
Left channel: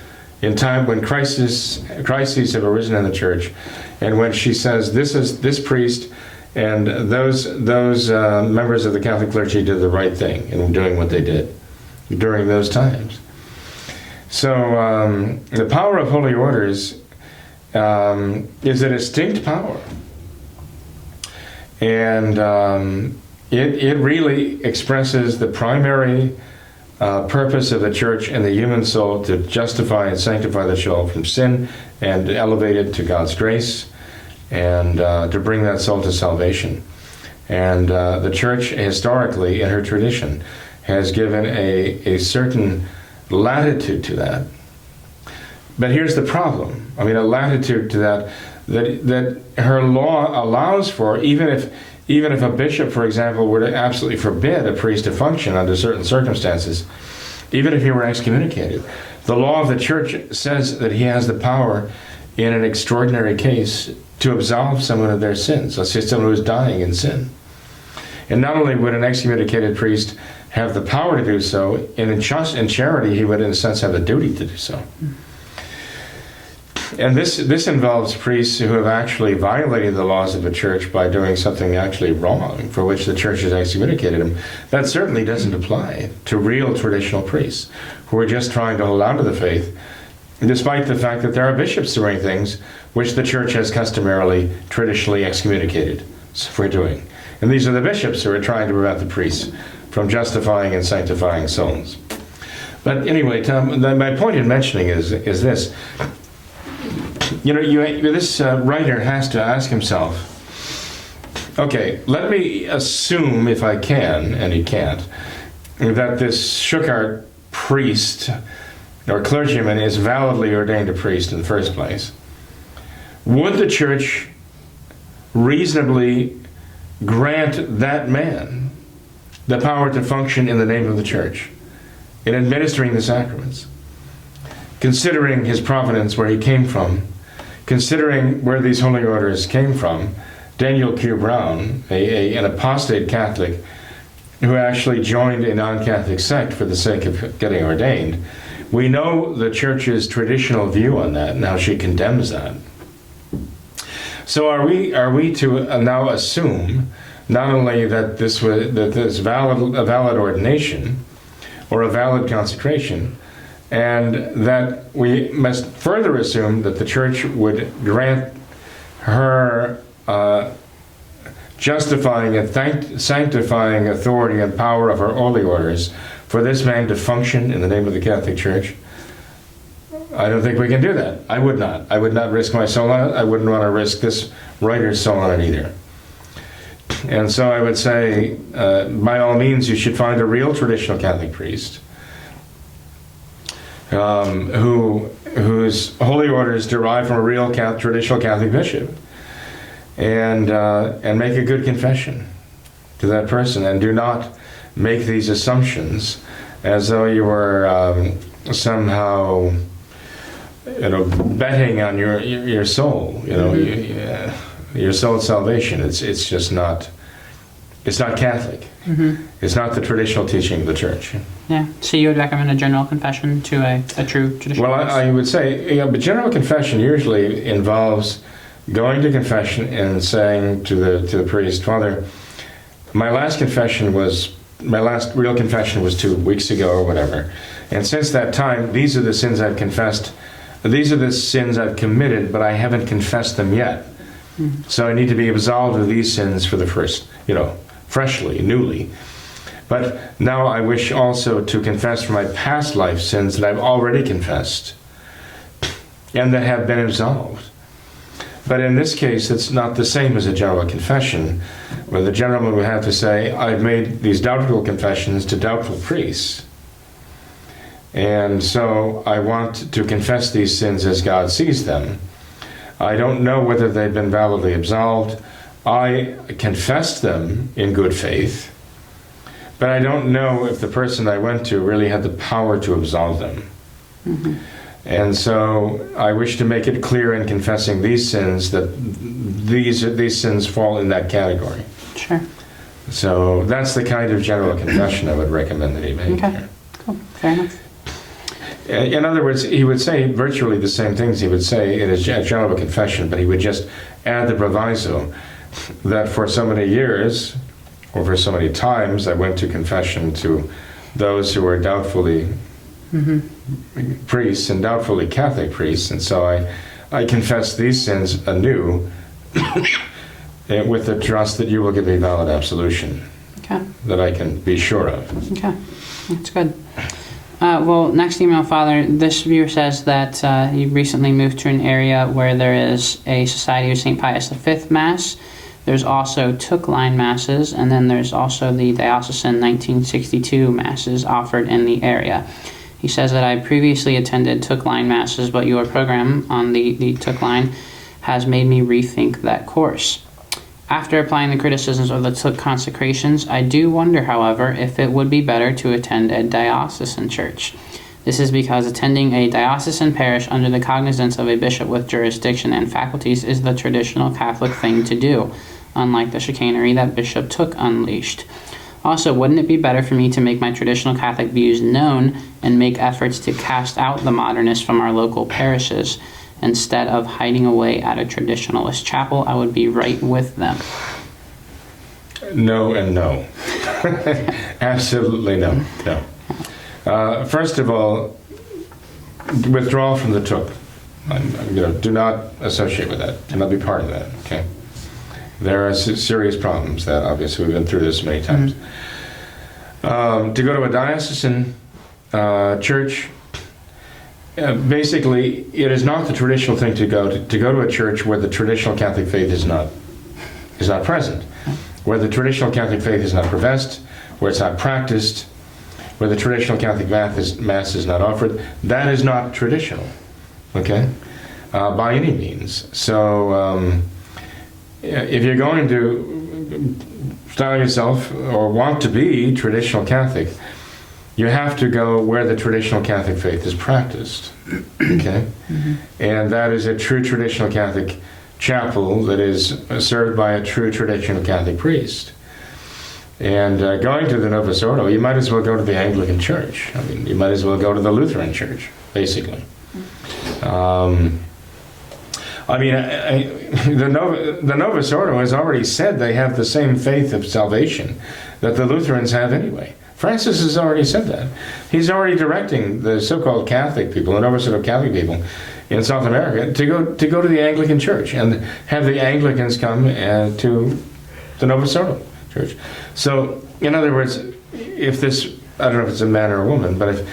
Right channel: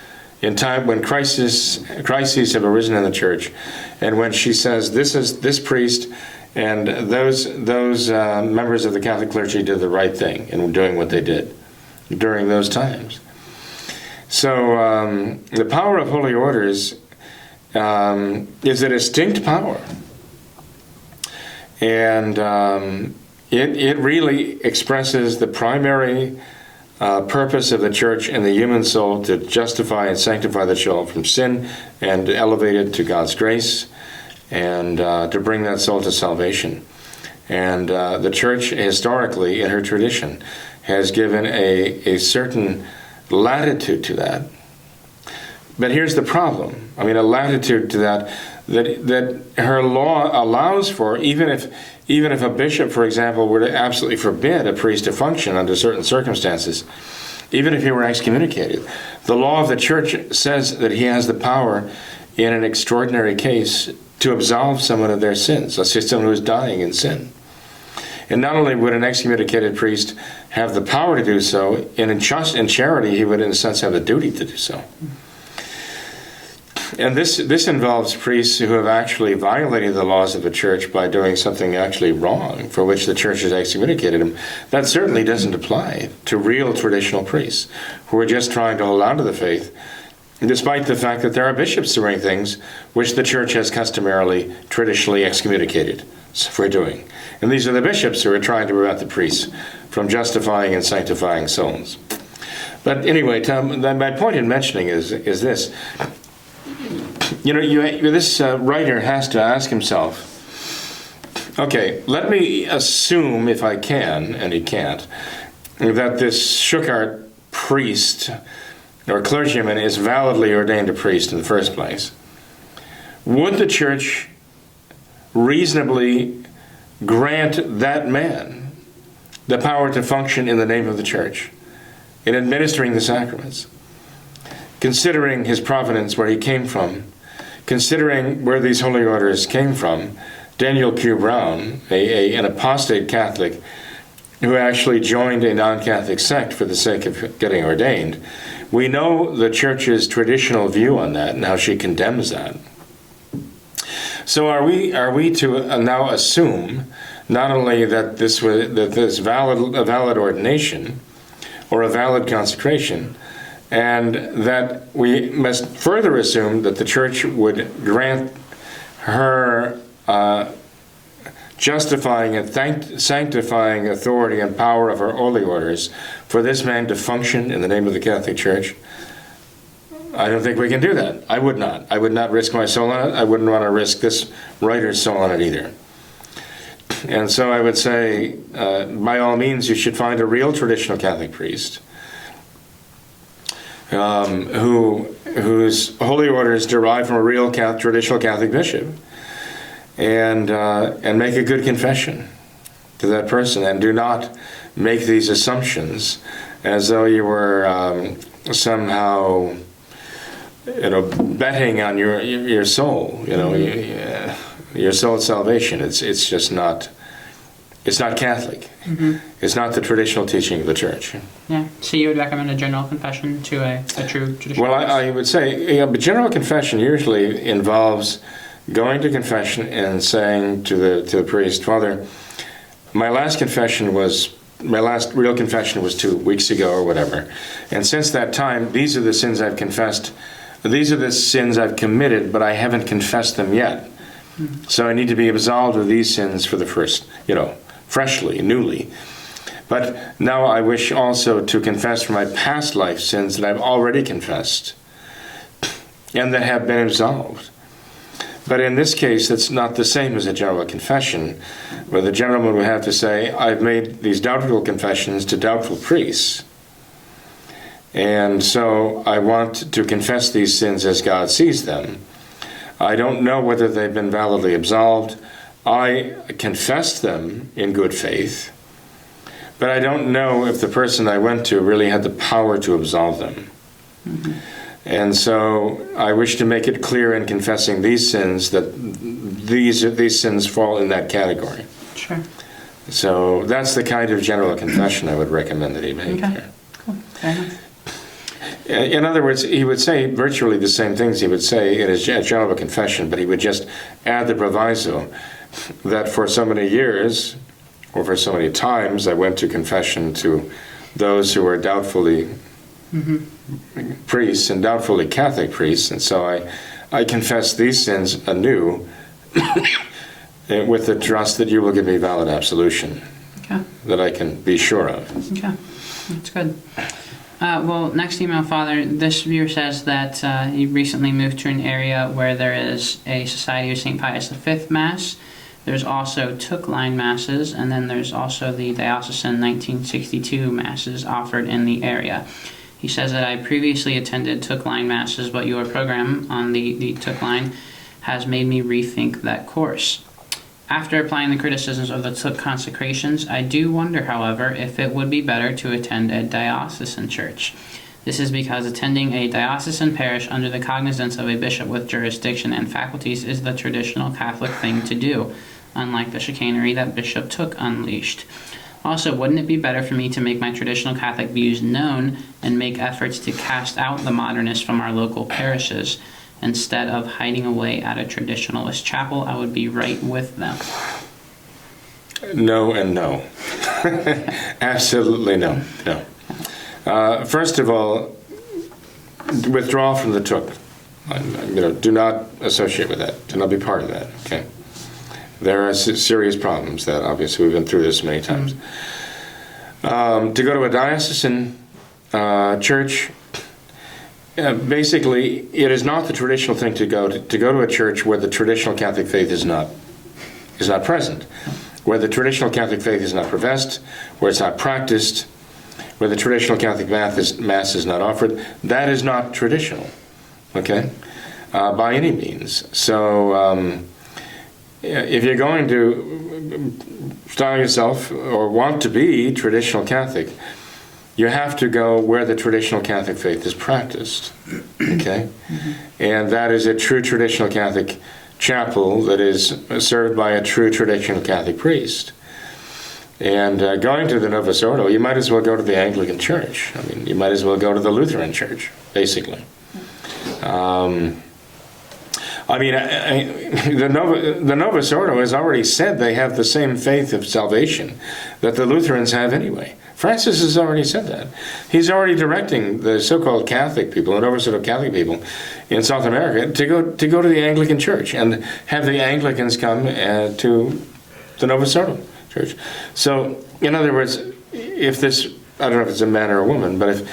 in time when crises have arisen in the church, and when she says this priest and those members of the Catholic clergy did the right thing in doing what they did during those times. So the power of holy orders is a distinct power, and it really expresses the primary purpose of the church and the human soul to justify and sanctify the soul from sin and elevate it to God's grace and to bring that soul to salvation. And the church, historically, in her tradition, has given a certain latitude to that. But here's the problem. I mean, a latitude to that her law allows for, even if a bishop, for example, were to absolutely forbid a priest to function under certain circumstances, even if he were excommunicated, the law of the church says that he has the power in an extraordinary case to absolve someone of their sins. Let's say someone who is dying in sin. And not only would an excommunicated priest have the power to do so, in charity he would in a sense have a duty to do so. And this involves priests who have actually violated the laws of the church by doing something actually wrong for which the church has excommunicated them. That certainly doesn't apply to real traditional priests who are just trying to hold on to the faith, despite the fact that there are bishops doing things which the church has customarily, traditionally excommunicated for doing. And these are the bishops who are trying to prevent the priests from justifying and sanctifying souls. But anyway, Tom, my point in mentioning is this. You know, this writer has to ask himself, okay, let me assume, if I can, and he can't, that this Schuchart priest or clergyman is validly ordained a priest in the first place. Would the church reasonably grant that man the power to function in the name of the church, in administering the sacraments, considering his provenance, where he came from, considering where these holy orders came from? Daniel Q. Brown, an apostate Catholic who actually joined a non-Catholic sect for the sake of getting ordained, we know the church's traditional view on that and how she condemns that. So are we to now assume not only that this a valid ordination or a valid consecration, and that we must further assume that the church would grant her justifying and sanctifying authority and power of her holy orders for this man to function in the name of the Catholic Church? I don't think we can do that. I would not. I would not risk my soul on it. I wouldn't want to risk this writer's soul on it either. And so I would say, by all means, you should find a real traditional Catholic priest whose holy orders derive from a real traditional Catholic bishop, and make a good confession to that person, and do not make these assumptions as though you were somehow, betting on your soul, your soul's salvation. It's just not. It's not Catholic. Mm-hmm. It's not the traditional teaching of the church. Yeah. So you would recommend a general confession to a true traditional priest? Well, I would say, but general confession usually involves going to confession and saying to the priest, Father, my last real confession was 2 weeks ago or whatever, and since that time, these are the sins I've confessed. These are the sins I've committed, but I haven't confessed them yet. Mm-hmm. So I need to be absolved of these sins for the first, freshly, newly. But now I wish also to confess for my past life sins that I've already confessed and that have been absolved. But in this case, it's not the same as a general confession, where the gentleman would have to say, I've made these doubtful confessions to doubtful priests, and so I want to confess these sins as God sees them. I don't know whether they've been validly absolved. I confessed them in good faith, but I don't know if the person I went to really had the power to absolve them. Mm-hmm. And so I wish to make it clear in confessing these sins that these sins fall in that category. Sure. So that's the kind of general confession I would recommend that he make. Okay. Cool. Fair enough. In other words, he would say virtually the same things he would say in his general confession, but he would just add the proviso that for so many years, or for so many times, I went to confession to those who were doubtfully priests and doubtfully Catholic priests, and so I confess these sins anew with the trust that you will give me valid absolution. Okay. Okay. that I can be sure of. Okay, that's good. Well, next email, Father, this viewer says that you recently moved to an area where there is a Society of St. Pius V Mass. There's also Took Line Masses, and then there's also the Diocesan 1962 Masses offered in the area. He says that I previously attended Took Line Masses, but your program on the Took Line has made me rethink that course. After applying the criticisms of the Took consecrations, I do wonder, however, if it would be better to attend a diocesan church. This is because attending a diocesan parish under the cognizance of a bishop with jurisdiction and faculties is the traditional Catholic thing to do, unlike the chicanery that Bishop Took unleashed. Also, wouldn't it be better for me to make my traditional Catholic views known and make efforts to cast out the modernists from our local parishes? Instead of hiding away at a traditionalist chapel, I would be right with them. No and no. Absolutely no. No. First of all, withdraw from the Took. Do not associate with that. Do not be part of that. Okay. There are serious problems that obviously we've been through this many times. To go to a diocesan church. Basically, it is not the traditional thing to go to a church where the traditional Catholic faith is not present, where the traditional Catholic faith is not professed, where it's not practiced, where the traditional Catholic Mass is not offered. That is not traditional, okay, by any means. So if you're going to style yourself or want to be traditional Catholic, you have to go where the traditional Catholic faith is practiced, okay? And that is a true traditional Catholic chapel that is served by a true traditional Catholic priest. And going to the Novus Ordo, you might as well go to the Anglican Church. I mean, you might as well go to the Lutheran Church, basically. The Novus Ordo has already said they have the same faith of salvation that the Lutherans have anyway. Francis has already said that. He's already directing the so-called Catholic people, the Novus Ordo Catholic people in South America to go to the Anglican Church and have the Anglicans come to the Novus Ordo Church. So, in other words, if this, I don't know if it's a man or a woman, but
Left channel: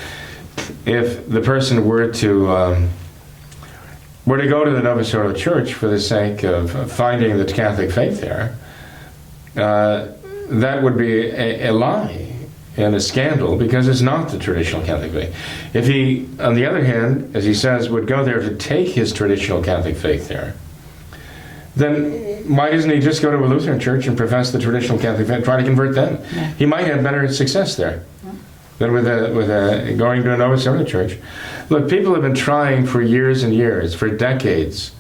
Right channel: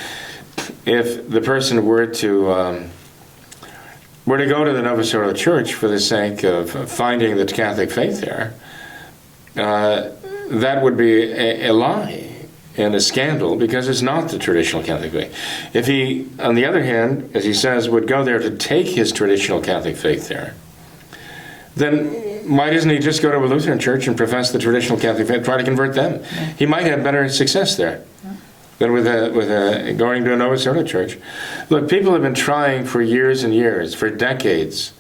if the person were to go to the Novus Ordo Church for the sake of finding the Catholic faith there, that would be a lie and a scandal, because it's not the traditional Catholic faith. If he, on the other hand, as he says, would go there to take his traditional Catholic faith there, then why doesn't he just go to a Lutheran church and profess the traditional Catholic faith, try to convert them? Yeah. He might have better success there than with going to a Novus Ordo church. Look, people have been trying for years and years, for decades,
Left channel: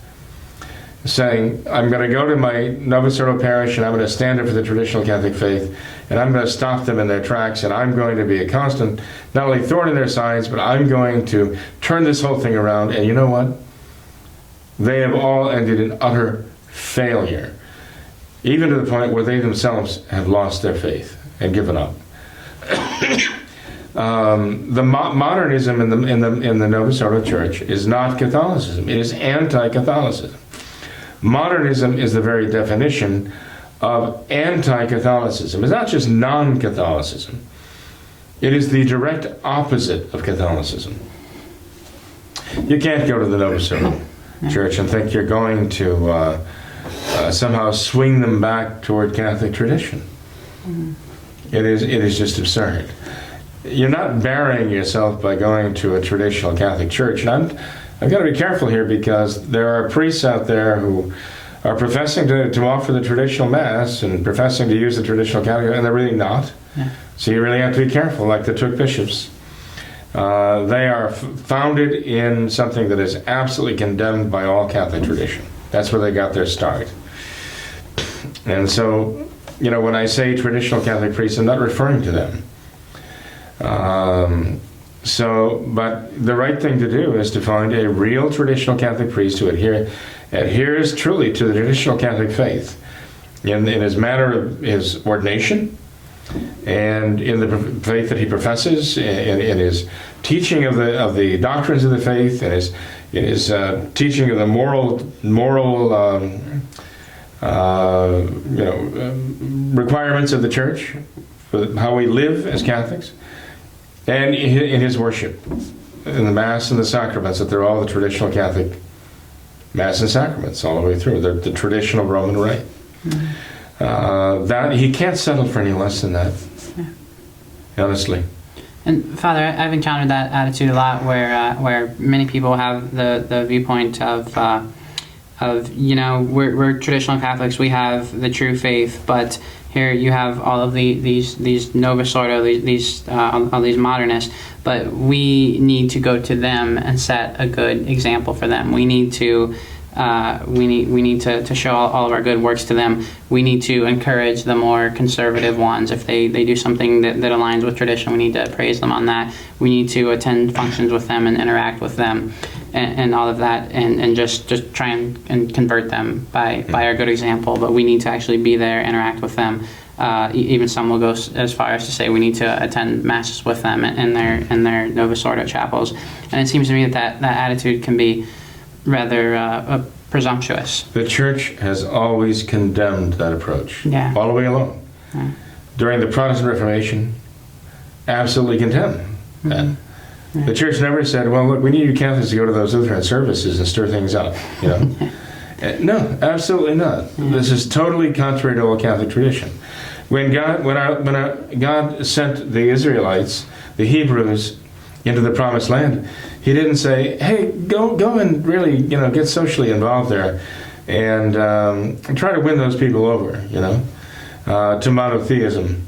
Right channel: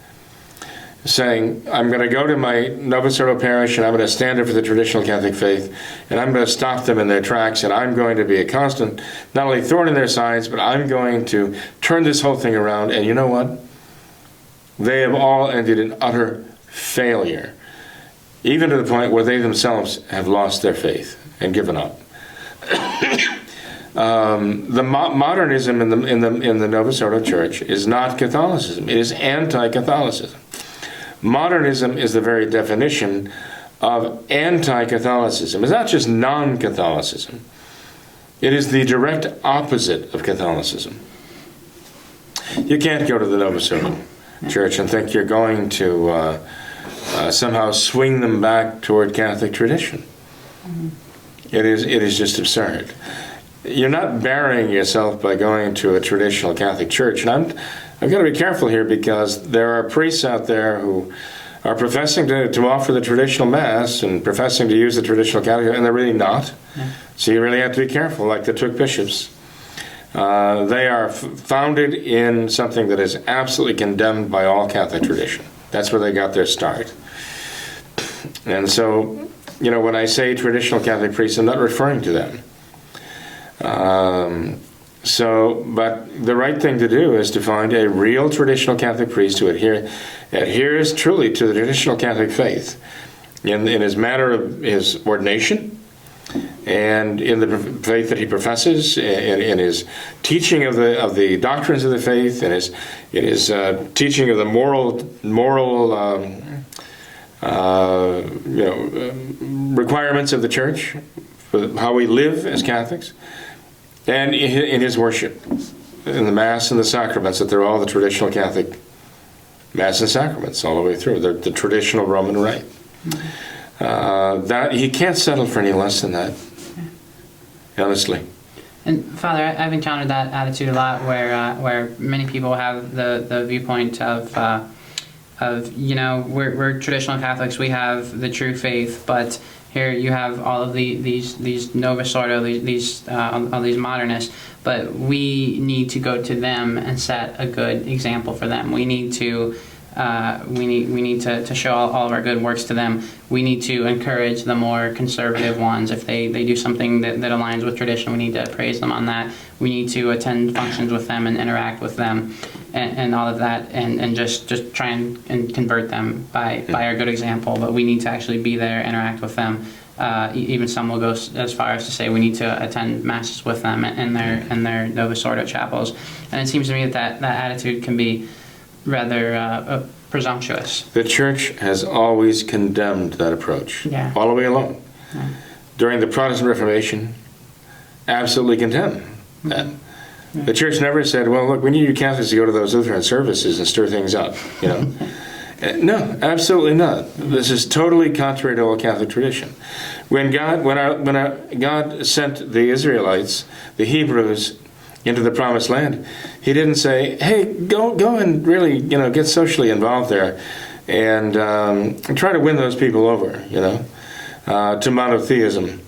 saying, I'm going to go to my Novus Ordo parish and I'm going to stand up for the traditional Catholic faith and I'm going to stop them in their tracks and I'm going to be a constant, not only thorn in their sides, but I'm going to turn this whole thing around. And you know what? They have all ended in utter failure, even to the point where they themselves have lost their faith and given up. The modernism in the Novus Ordo Church is not Catholicism. It is anti-Catholicism. Modernism is the very definition of anti-Catholicism. It's not just non-Catholicism. It is the direct opposite of Catholicism. You can't go to the Novus Ordo Church and think you're going to somehow swing them back toward Catholic tradition. It is just absurd. You're not burying yourself by going to a traditional Catholic church. And I've got to be careful here, because there are priests out there who are professing to offer the traditional Mass and professing to use the traditional Catholic, and they're really not. Yeah. So you really have to be careful, like the Took bishops. They are founded in something that is absolutely condemned by all Catholic tradition. That's where they got their start. And so, when I say traditional Catholic priests, I'm not referring to them. But the right thing to do is to find a real traditional Catholic priest who adheres truly to the traditional Catholic faith in his manner of his ordination and in the faith that he professes, in his teaching of the doctrines of the faith, in his teaching of the moral requirements of the church, with how we live as Catholics, and in his worship, in the Mass and the sacraments, that they're all the traditional Catholic Mass and sacraments all the way through. They're the traditional Roman rite. That he can't settle for any less than that, honestly. And Father, I've encountered that attitude a lot, where many people have the viewpoint of we're traditional Catholics, we have the true faith, but here you have all of these Novus Ordo, all these modernists, but we need to go to them and set a good example for them. We need to show all of our good works to them. We need to encourage the more conservative ones. If they do something that aligns with tradition, we need to praise them on that. We need to attend functions with them and interact with them and all of that, and just try and convert them by our good example. But we need to actually be there, interact with them. Even some will go as far as to say we need to attend masses with them in their Novus Ordo chapels. And it seems to me that attitude can be rather presumptuous. The Church has always condemned that approach, all the way along. Yeah. During the Protestant Reformation, absolutely condemned that. Yeah. The Church never said, well, look, we need you Catholics to go to those Lutheran services and stir things up, No, absolutely not. This is totally contrary to all Catholic tradition. When God sent the Israelites, the Hebrews, into the Promised Land, He didn't say, "Hey, go and really, get socially involved there, and try to win those people over, to monotheism."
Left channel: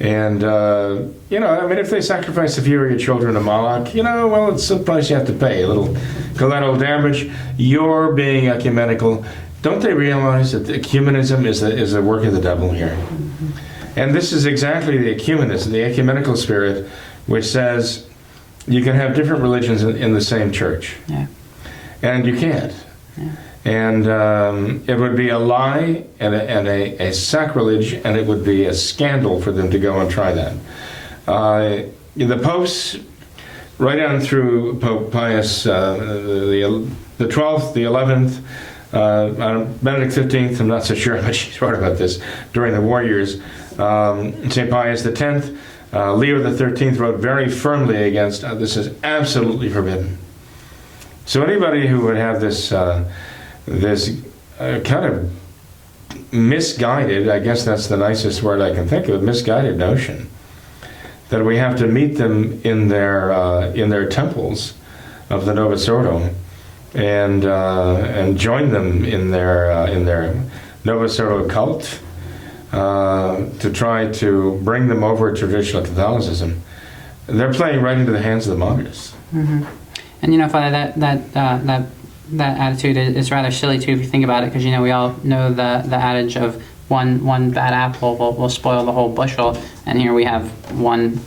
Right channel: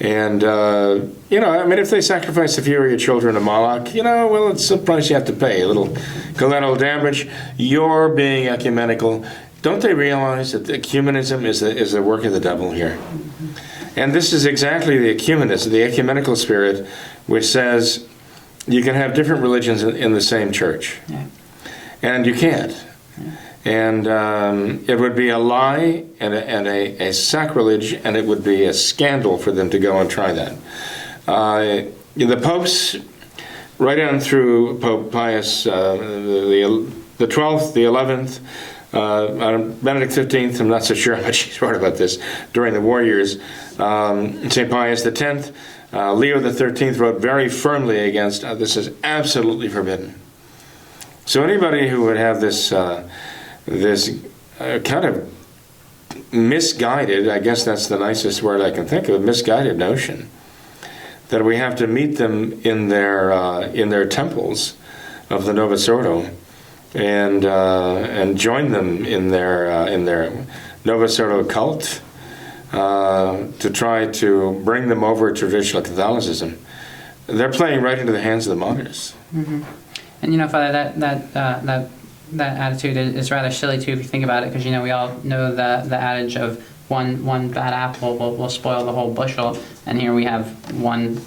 And if they sacrifice the inferior children to Moloch, well, it's a price you have to pay, a little collateral damage. You're being ecumenical. Don't they realize that ecumenism is the work of the devil here? And this is exactly the ecumenism, the ecumenical spirit, which says you can have different religions in the same church. Yeah. And you can't. Yeah. And it would be a lie and a sacrilege, and it would be a scandal for them to go and try that. The popes, right on through Pope Pius the 12th, the 11th, Benedict XV, I'm not so sure how much he's wrote about this during the war years. St. Pius X, Leo XIII wrote very firmly against this is absolutely forbidden. So anybody who would have this kind of misguided, I guess that's the nicest word I can think of, misguided notion that we have to meet them in their temples of the Novus Ordo and join them in their Novus Ordo cult. To try to bring them over to traditional Catholicism, they're playing right into the hands of the modernists. Mm-hmm. And Father, that attitude is rather silly too if you think about it, because we all know the adage of one bad apple will spoil the whole bushel, and here we have one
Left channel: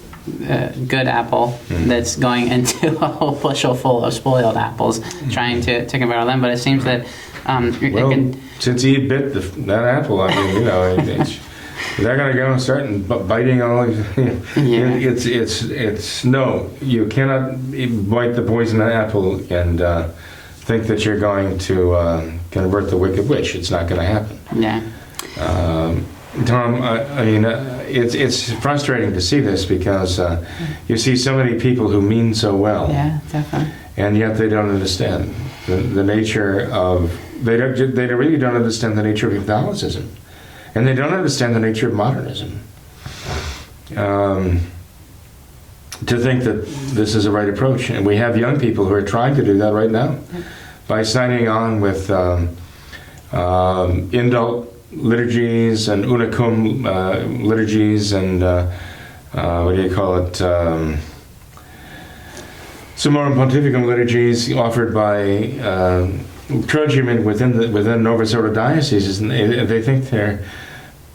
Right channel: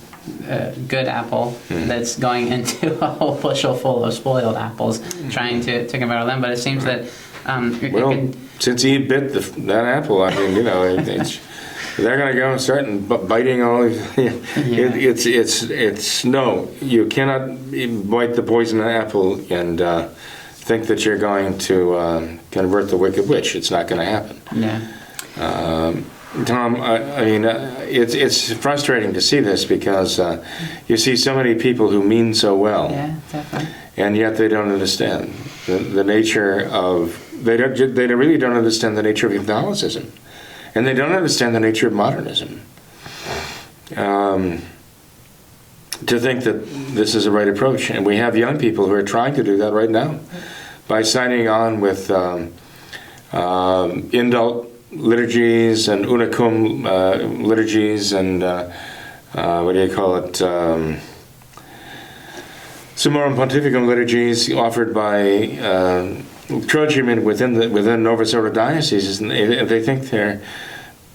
good apple that's going into a whole bushel full of spoiled apples, trying to convert them. But it seems that since Eve bit that apple, they're going to go and start biting all of It's no, you cannot bite the poison apple and think that you're going to convert the wicked witch. It's not going to happen. Yeah. Tom, it's frustrating to see this because you see so many people who mean so well. Yeah, definitely. And yet they don't understand the nature of. They really don't understand the nature of Catholicism, and they don't understand the nature of modernism. To think that this is the right approach, and we have young people who are trying to do that right now by signing on with indult liturgies and unicum liturgies and Summorum Pontificum liturgies offered by clergymen within Novus Ordo dioceses, and they think they're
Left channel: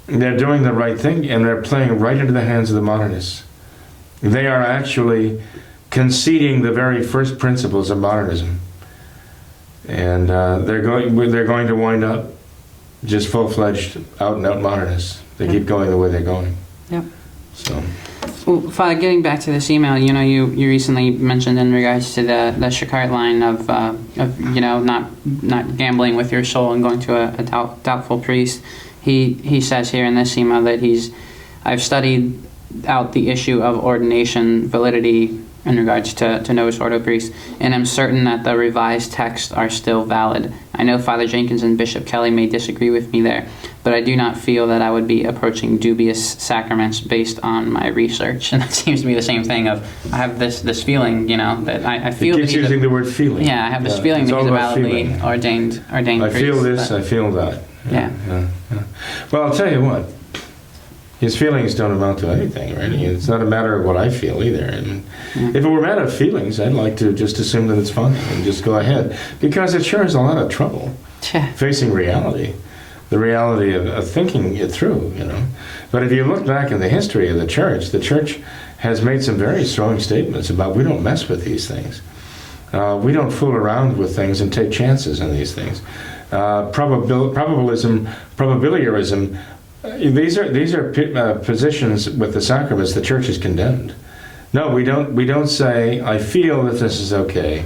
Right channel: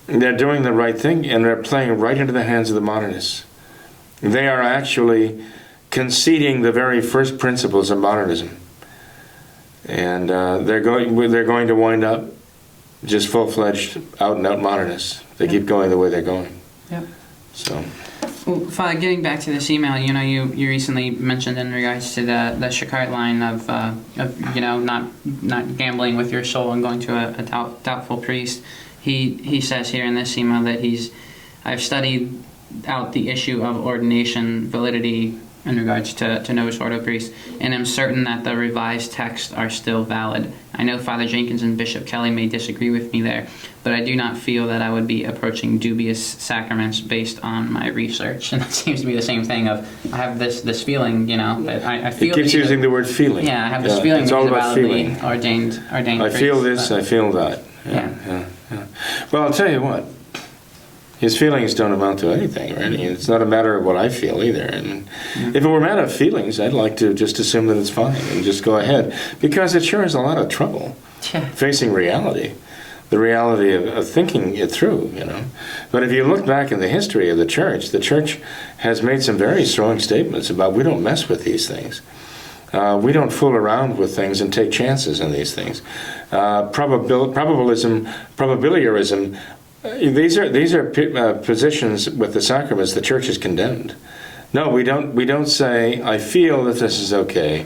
doing the right thing, and they're playing right into the hands of the modernists. They are actually conceding the very first principles of modernism, and they're going to wind up just full-fledged, out-and-out modernists. They keep going the way they're going. Yep. So. Well, Father, getting back to this email, you recently mentioned in regards to the Shikart line of not gambling with your soul and going to a doubtful priest. He says here in this email that I've studied out the issue of ordination validity in regards to Novus Ordo priests, and I'm certain that the revised texts are still valid. I know Father Jenkins and Bishop Kelly may disagree with me there, but I do not feel that I would be approaching dubious sacraments based on my research. And it seems to be the same thing of, I have this feeling, that I feel... It keeps using the word feeling. Yeah, I have this feeling it's that all he's a about validly feeling. ordained I priest. feel this, I feel that. Yeah. Well, I'll tell you what. His feelings don't amount to anything, really. It's not a matter of what I feel either. And if it were a matter of feelings, I'd like to just assume that it's fine and just go ahead, because it sure is a lot of trouble facing reality, the reality of thinking it through, But if you look back in the history of the church has made some very strong statements about we don't mess with these things. We don't fool around with things and take chances on these things. Probabilism, probabiliarism. These are positions with the sacraments the church has condemned. No, we don't say, I feel that this is okay,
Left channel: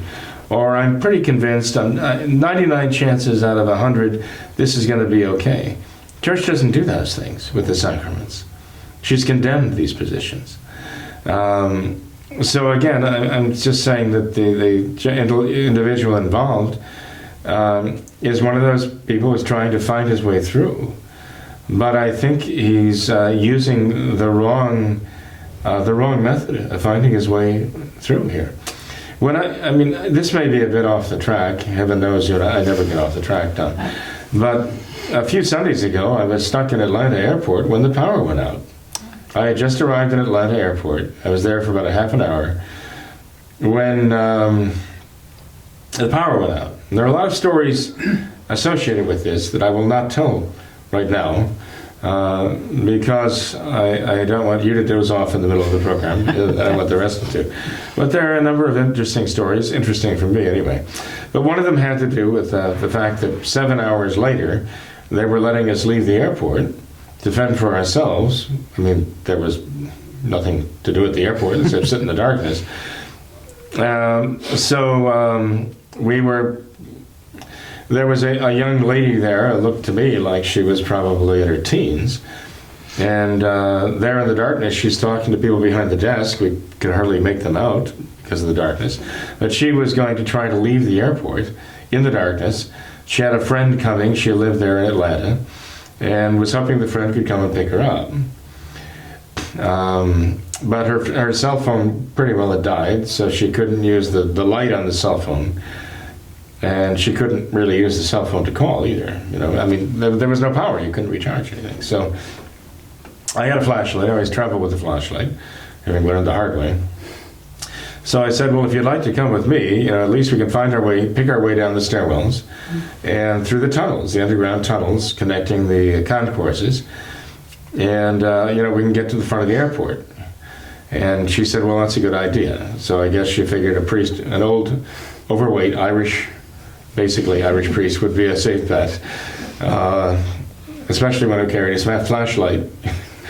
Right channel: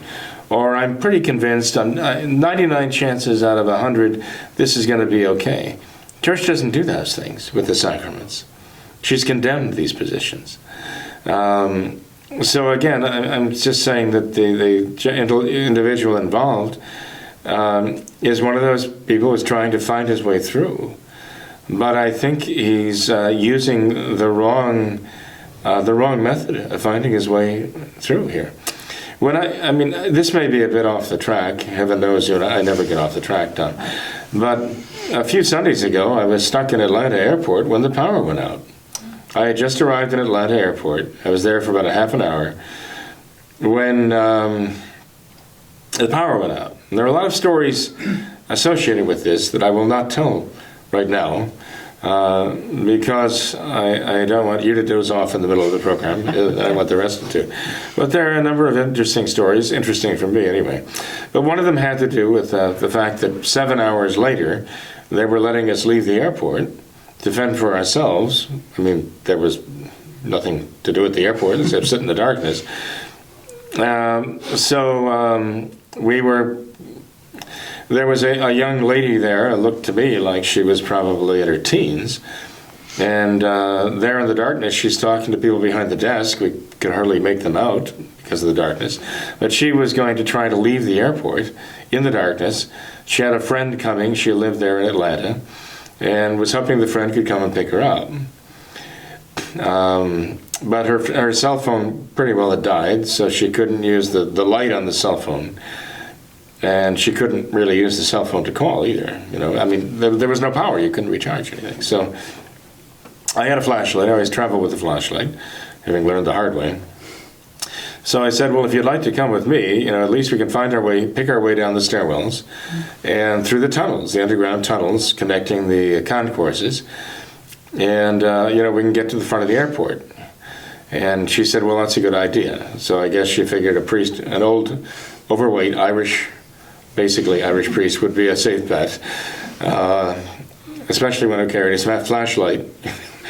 or I'm pretty convinced on 99 chances out of 100 this is going to be okay. Church doesn't do those things with the sacraments. She's condemned these positions. So again, I'm just saying that the individual involved is one of those people who's trying to find his way through. But I think he's using the wrong method of finding his way through here. This may be a bit off the track. Heaven knows, I never get off the track, Tom. But a few Sundays ago, I was stuck in Atlanta airport when the power went out. I had just arrived in Atlanta airport. I was there for about a half an hour when the power went out. And there are a lot of stories associated with this that I will not tell right now, because I don't want you to doze off in the middle of the program. I want the rest to. But there are a number of interesting stories, interesting for me anyway. But one of them had to do with the fact that 7 hours later, they were letting us leave the airport to fend for ourselves. There was nothing to do at the airport except sit in the darkness. There was a young lady there, it looked to me like she was probably in her teens, and there in the darkness she's talking to people behind the desk. We could hardly make them out because of the darkness, but she was going to try to leave the airport in the darkness. She had a friend coming, she lived there in Atlanta, and was hoping the friend could come and pick her up. But her cell phone pretty well had died, so she couldn't use the light on the cell phone. And she couldn't really use the cell phone to call either. There was no power. You couldn't recharge anything. So I had a flashlight. I always travel with a flashlight, having learned the hard way. So I said, well, if you'd like to come with me, at least we can find our way, pick our way down the stairwells and through the tunnels, the underground tunnels connecting the concourses. And, we can get to the front of the airport. And she said, well, that's a good idea. So I guess she figured a priest, an old, overweight basically Irish priest would be a safe bet, especially when I carried a flashlight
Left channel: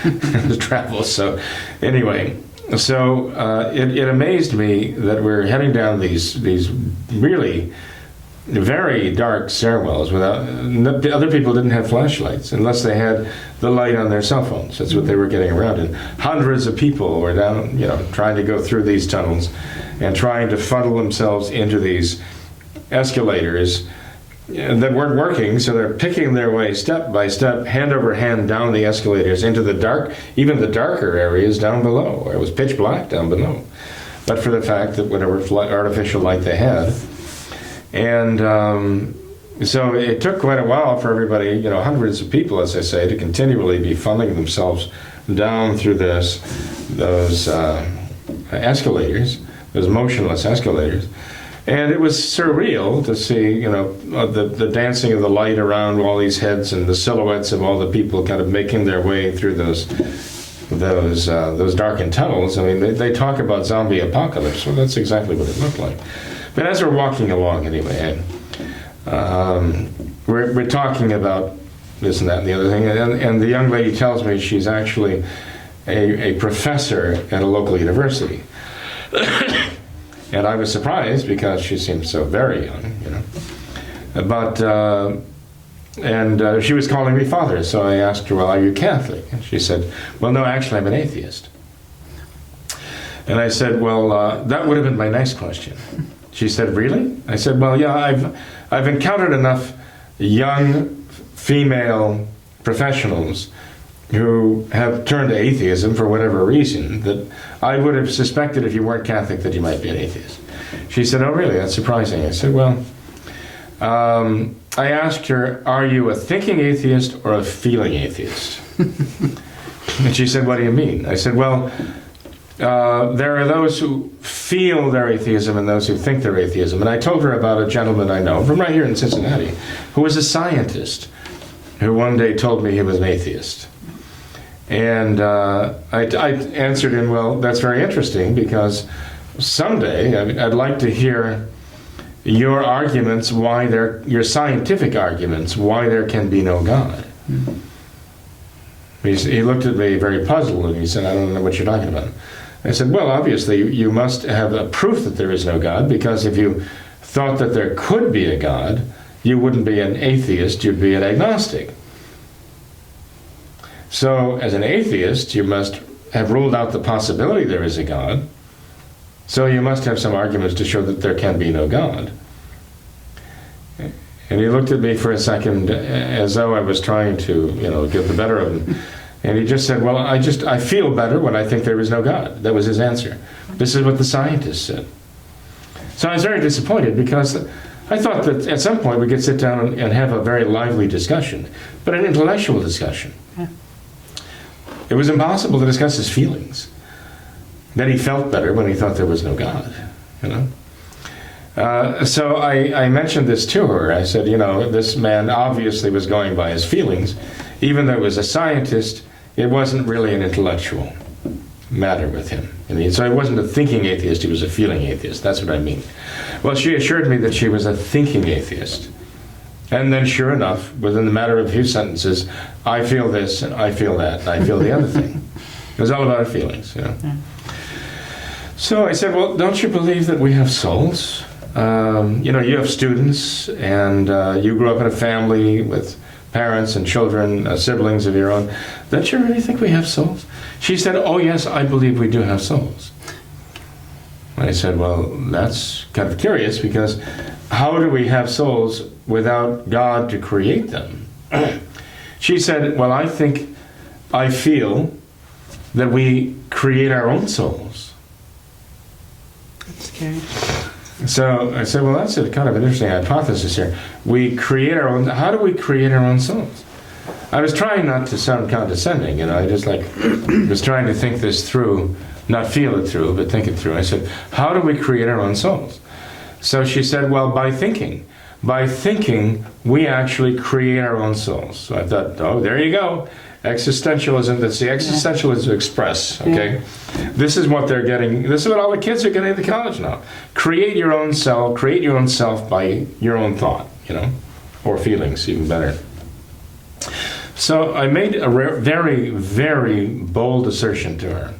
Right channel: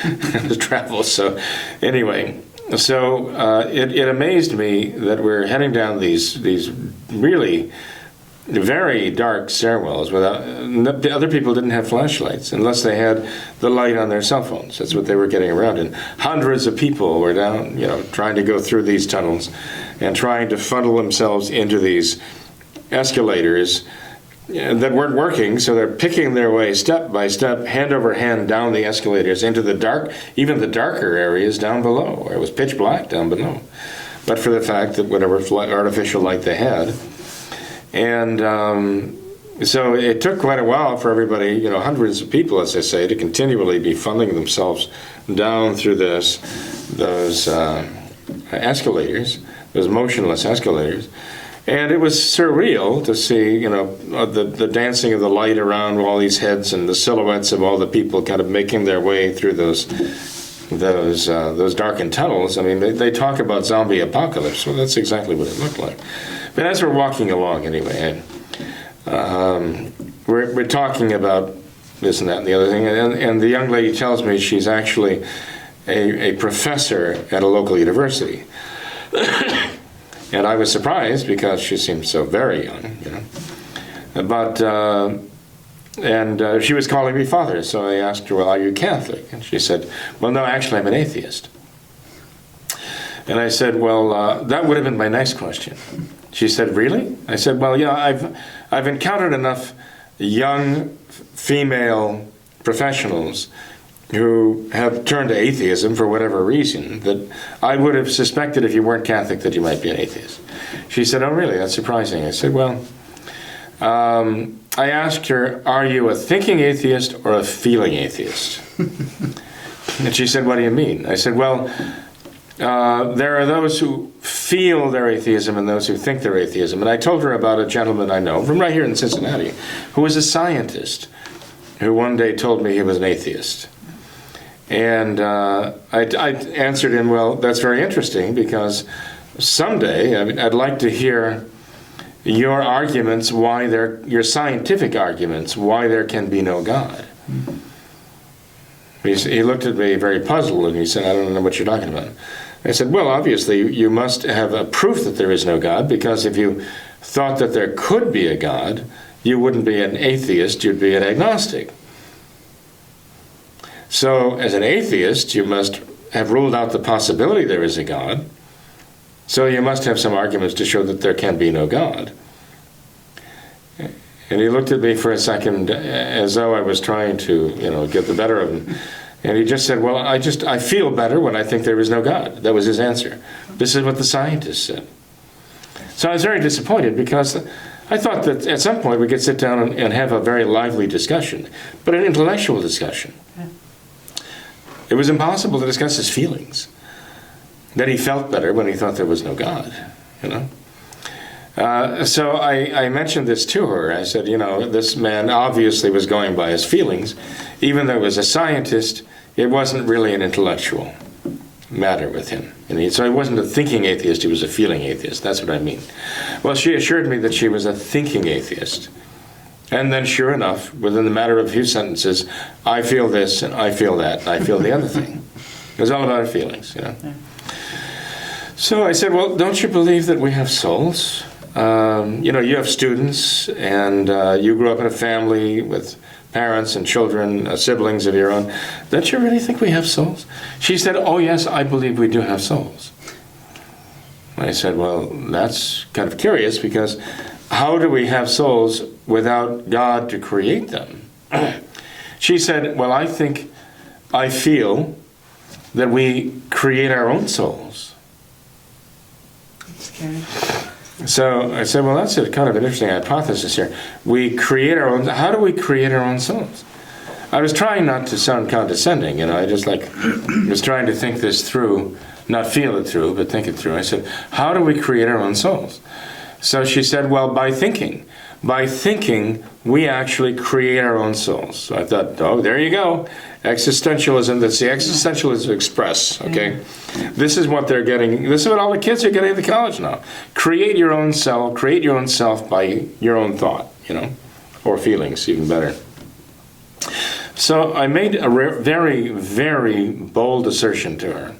to travel. So anyway, it amazed me that we're heading down these really very dark stairwells without, other people didn't have flashlights unless they had the light on their cell phones. That's what they were getting around. And hundreds of people were down, trying to go through these tunnels and trying to funnel themselves into these escalators that weren't working, so they're picking their way step by step, hand over hand down the escalators into the dark, even the darker areas down below, where it was pitch black down below. But for the fact that whatever artificial light they had. And so it took quite a while for everybody, hundreds of people, as I say, to continually be funneling themselves down through those escalators, those motionless escalators. And it was surreal to see, the dancing of the light around all these heads and the silhouettes of all the people kind of making their way through those darkened tunnels. They talk about zombie apocalypse. Well, that's exactly what it looked like. But as we're walking along, anyway, we're talking about this and that and the other thing, and the young lady tells me she's actually a professor at a local university. And I was surprised because she seemed so very young, But, she was calling me father, so I asked her, well, are you Catholic? And she said, well, no, actually, I'm an atheist. And I said, well, that would have been my next question. She said, really? I said, well, yeah, I've encountered enough young female professionals who have turned to atheism for whatever reason that I would have suspected if you weren't Catholic that you might be an atheist. She said, oh, really? That's surprising. I said, well, I asked her, are you a thinking atheist or a feeling atheist? And she said, what do you mean? I said, well, there are those who feel their atheism and those who think they're atheism. And I told her about a gentleman I know from right here in Cincinnati who was a scientist who one day told me he was an atheist. And I answered him, well, that's very interesting because someday I'd like to hear your arguments, your scientific arguments, why there can be no God. He looked at me very puzzled and he said, I don't know what you're talking about. I said, well, obviously you must have a proof that there is no God, because if you thought that there could be a God, you wouldn't be an atheist, you'd be an agnostic. So as an atheist, you must have ruled out the possibility there is a God. So you must have some arguments to show that there can be no God. And he looked at me for a second as though I was trying to, get the better of him. And he just said, well, I feel better when I think there is no God. That was his answer. This is what the scientists said. So I was very disappointed because I thought that at some point we could sit down and have a very lively discussion, but an intellectual discussion. Yeah. It was impossible to discuss his feelings. That he felt better when he thought there was no God, So I mentioned this to her. I said, this man obviously was going by his feelings. Even though he was a scientist, it wasn't really an intellectual matter with him. So he wasn't a thinking atheist, he was a feeling atheist. That's what I mean. Well, she assured me that she was a thinking atheist. And then sure enough, within the matter of a few sentences, I feel this, and I feel that, and I feel the other thing. It was all about her feelings, Yeah. So I said, well, don't you believe that we have souls? You have students, and you grew up in a family with parents and children, siblings of your own. Don't you really think we have souls? She said, oh, yes, I believe we do have souls. I said, well, that's kind of curious, because how do we have souls without God to create them? She said, well, I feel that we create our own souls. That's scary. So I said, well, that's a kind of an interesting hypothesis here. We create our own. How do we create our own souls? I was trying not to sound condescending, I just was trying to think this through, not feel it through, but think it through. I said, how do we create our own souls? So she said, well, by thinking. By thinking, we actually create our own souls. So I thought, oh, there you go. Existentialism, that's the Existentialism Express, okay? Yeah. This is what they're getting, this is what all the kids are getting at the college now. Create your own self by your own thought, or feelings, even better. So I made a very, very bold assertion to her.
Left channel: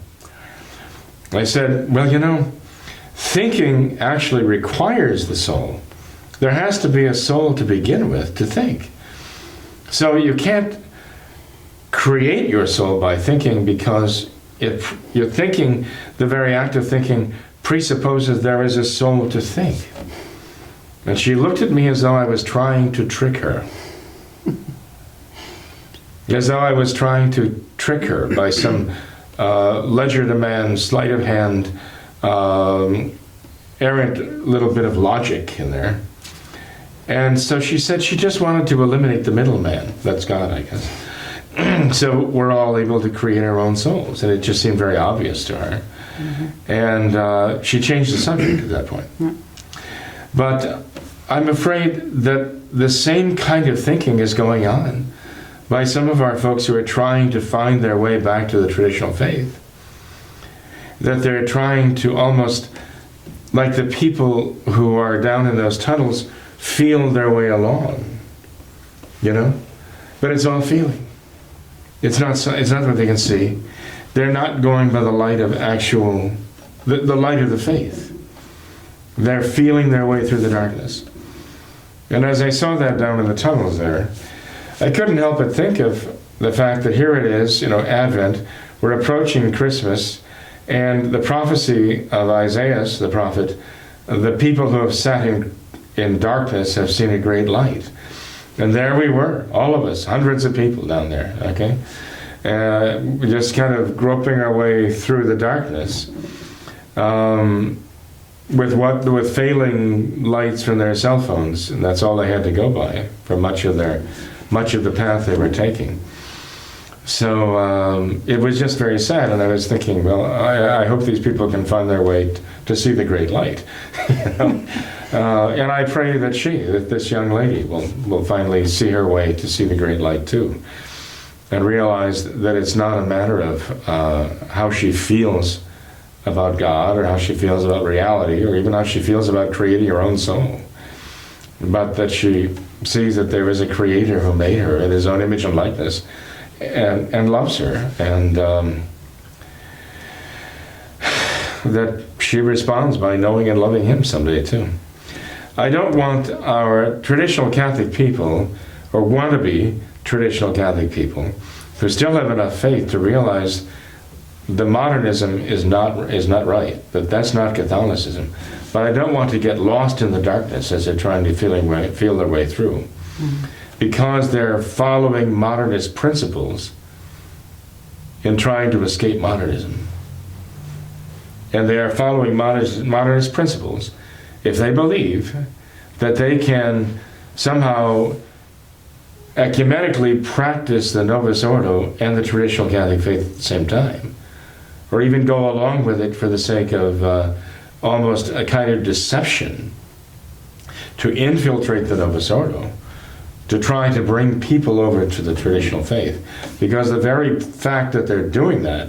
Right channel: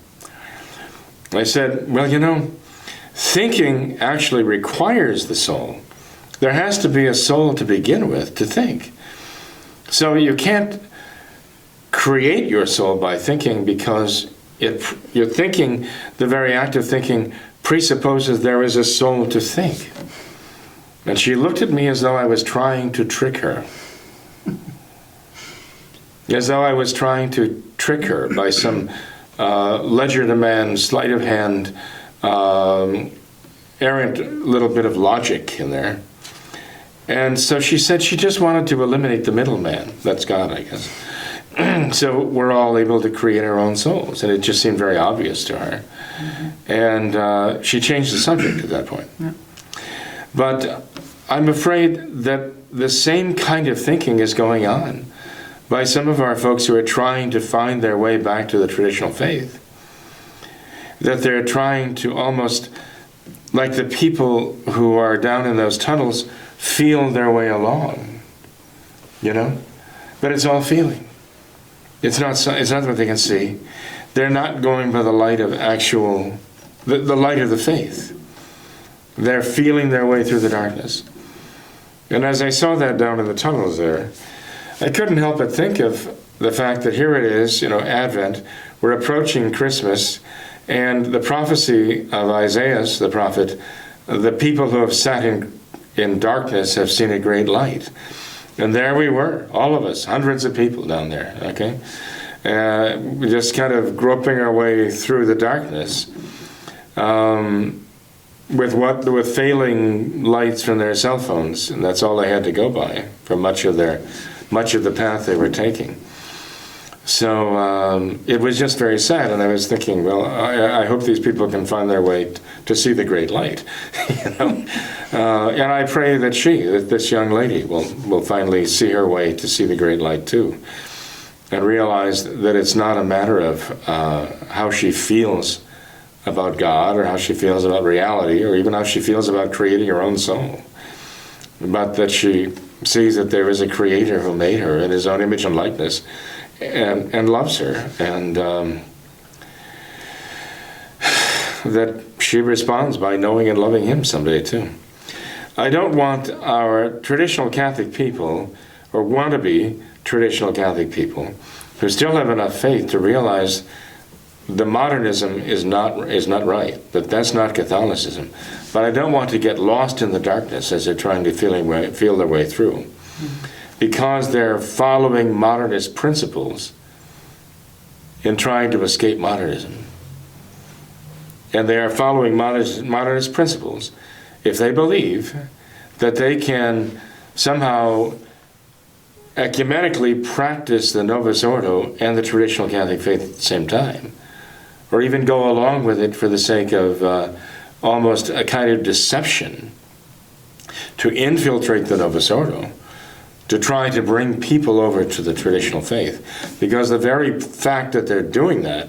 I said, well, thinking actually requires the soul. There has to be a soul to begin with to think. So you can't create your soul by thinking, because if you're thinking, the very act of thinking presupposes there is a soul to think. And she looked at me as though I was trying to trick her. As though I was trying to trick her by some legerdemain, sleight of hand, errant little bit of logic in there. And so she said she just wanted to eliminate the middleman. That's God, I guess. So we're all able to create our own souls. And it just seemed very obvious to her. And she changed the subject at that point. Yeah. But I'm afraid that the same kind of thinking is going on by some of our folks who are trying to find their way back to the traditional faith. That they're trying to almost, like the people who are down in those tunnels, feel their way along, But it's all feeling. It's not what they can see. They're not going by the light of the light of the faith. They're feeling their way through the darkness. And as I saw that down in the tunnels there, I couldn't help but think of the fact that here it is, Advent, we're approaching Christmas, And the prophecy of Isaiah, the prophet, the people who have sat in darkness have seen a great light. And there we were, all of us, hundreds of people down there, okay? Just kind of groping our way through the darkness with failing lights from their cell phones, and that's all they had to go by for much of the path they were taking. So it was just very sad, and I was thinking, well, I hope these people can find their way to see the great light. You know? And I pray that this young lady, will finally see her way to see the great light too, and realize that it's not a matter of how she feels about God, or how she feels about reality, or even how she feels about creating her own soul, but that she sees that there is a creator who made her in his own image and likeness, and loves her, and that she responds by knowing and loving him someday too. I don't want our traditional Catholic people, or wannabe traditional Catholic people, who still have enough faith to realize the modernism is not right, that that's not Catholicism. But I don't want to get lost in the darkness as they're trying to feel their way through. Mm-hmm. Because they're following modernist principles in trying to escape modernism. And they are following modernist principles if they believe that they can somehow ecumenically practice the Novus Ordo and the traditional Catholic faith at the same time, or even go along with it for the sake of almost a kind of deception to infiltrate the Novus Ordo, to try to bring people over to the traditional faith. Because the very fact that they're doing that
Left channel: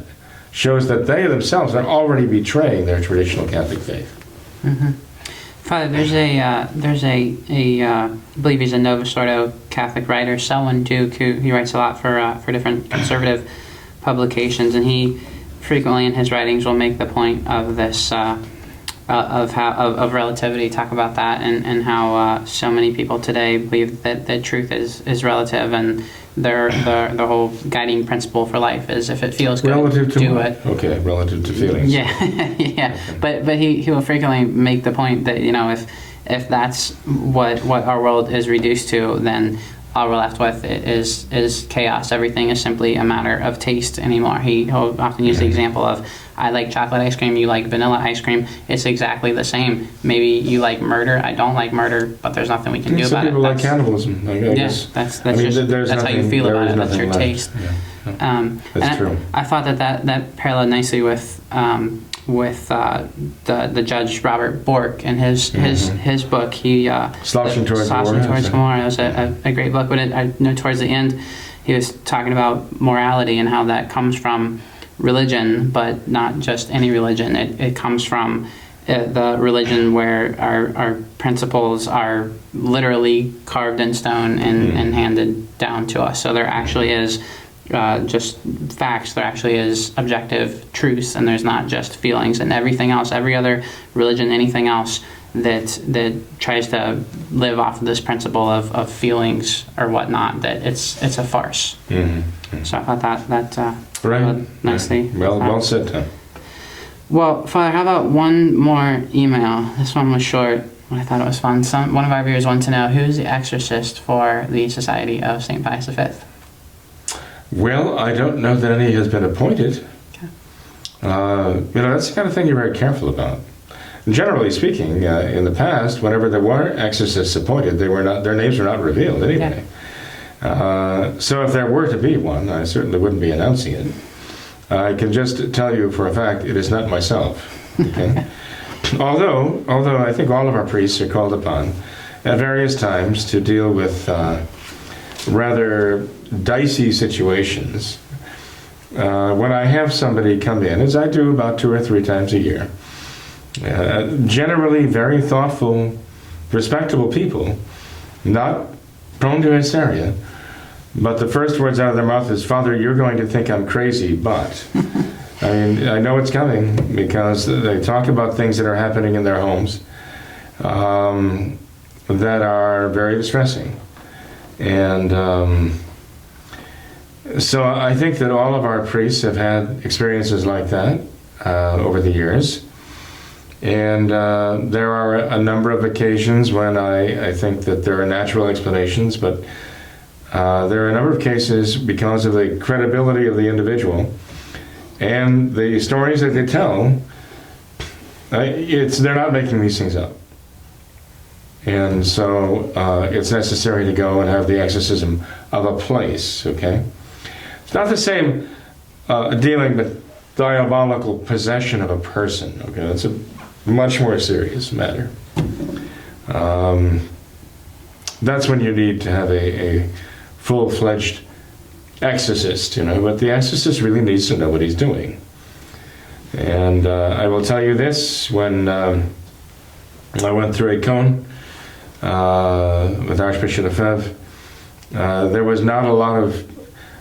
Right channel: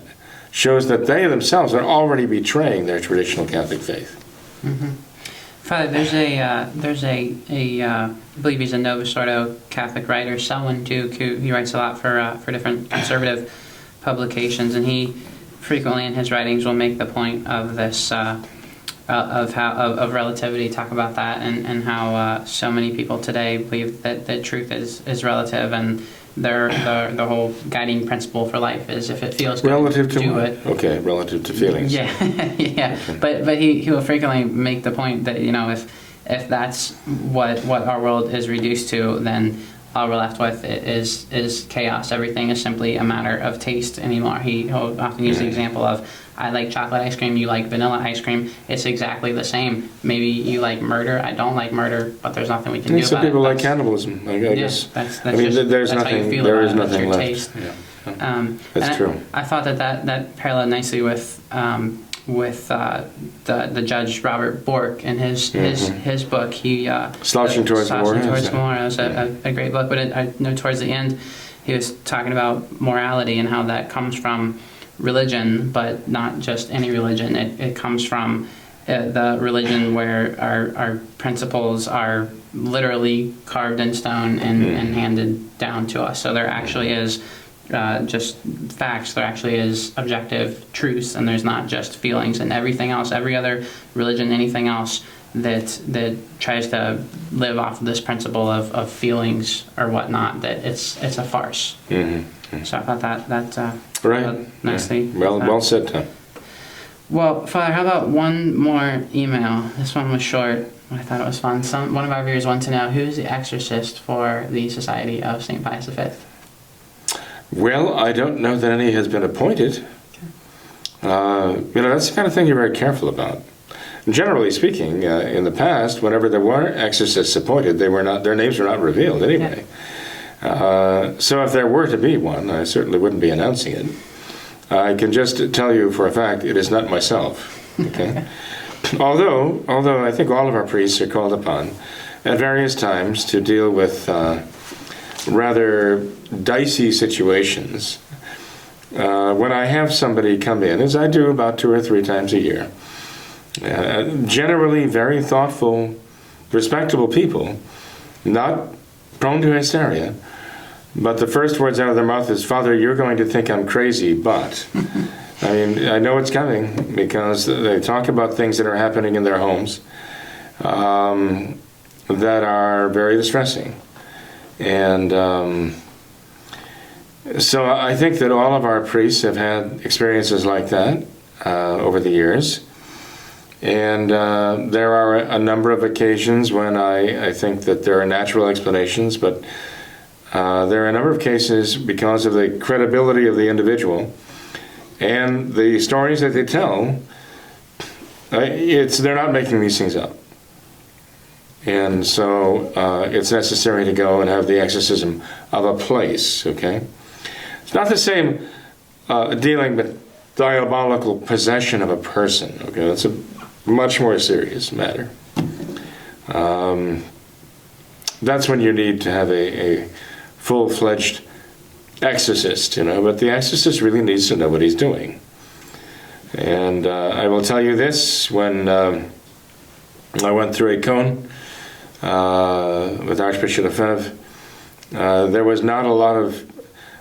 shows that they themselves are already betraying their traditional Catholic faith. Mm-hmm. Father, there's I believe he's a Novus Ordo Catholic writer, Selwyn Duke, who he writes a lot for different conservative publications, and he frequently in his writings will make the point of this of relativity, talk about that, and how so many people today believe that truth is relative, and their whole guiding principle for life is if it feels good, relative to do what? it. Okay, relative to feelings. Yeah, yeah. Okay. But he will frequently make the point that, you know, if that's what our world is reduced to, then all we're left with is chaos. Everything is simply a matter of taste anymore. He'll often use the example of, I like chocolate ice cream, you like vanilla ice cream. It's exactly the same. Maybe you like murder, I don't like murder, but there's nothing we can do about it. Some people like cannibalism, I guess. That's I mean, just, there's that's nothing, how you feel there about is it. That's your left. taste. Yeah. That's true. I thought that paralleled nicely with the judge Robert Bork and his book. Slouching Towards Gomorrah. It was a great book, but I know towards the end he was talking about morality and how that comes from religion, but not just any religion. It comes from the religion where our principles are literally carved in stone and handed down to us. So there actually is just facts. There actually is objective truths, and there's not just feelings. And everything else, every other religion, anything else that tries to live off of this principle of feelings or whatnot, that it's a farce. Mm-hmm. So I thought that right. nicely. Yeah. Well said, Tim. Well, Father, how about one more email? This one was short, but I thought it was fun. One of our viewers wanted to know, who's the exorcist for the Society of St. Pius V? Well, I don't know that any has been appointed. Okay. That's the kind of thing you're very careful about. Generally speaking, in the past, whenever there were exorcists appointed, their names were not revealed anyway. Yeah. So if there were to be one, I certainly wouldn't be announcing it. I can just tell you for a fact it is not myself. Okay. although I think all of our priests are called upon at various times to deal with rather dicey situations. When I have somebody come in, as I do about 2 or 3 times a year, generally very thoughtful, respectable people, not prone to hysteria, but the first words out of their mouth is, "Father, you're going to think I'm crazy, but..." I mean, I know it's coming because they talk about things that are happening in their homes that are very distressing. And so I think that all of our priests have had experiences like that. over the years. And there are a number of occasions when I think that there are natural explanations, but there are a number of cases because of the credibility of the individual and the stories that they tell. They're not making these things up. And so it's necessary to go and have the exorcism of a place, okay? It's not the same dealing with diabolical possession of a person, okay? That's a much more serious matter. That's when you need to have a full-fledged exorcist, but the exorcist really needs to know what he's doing. And I will tell you this, when I went through a cone with Archbishop Lefebvre, there was not a lot of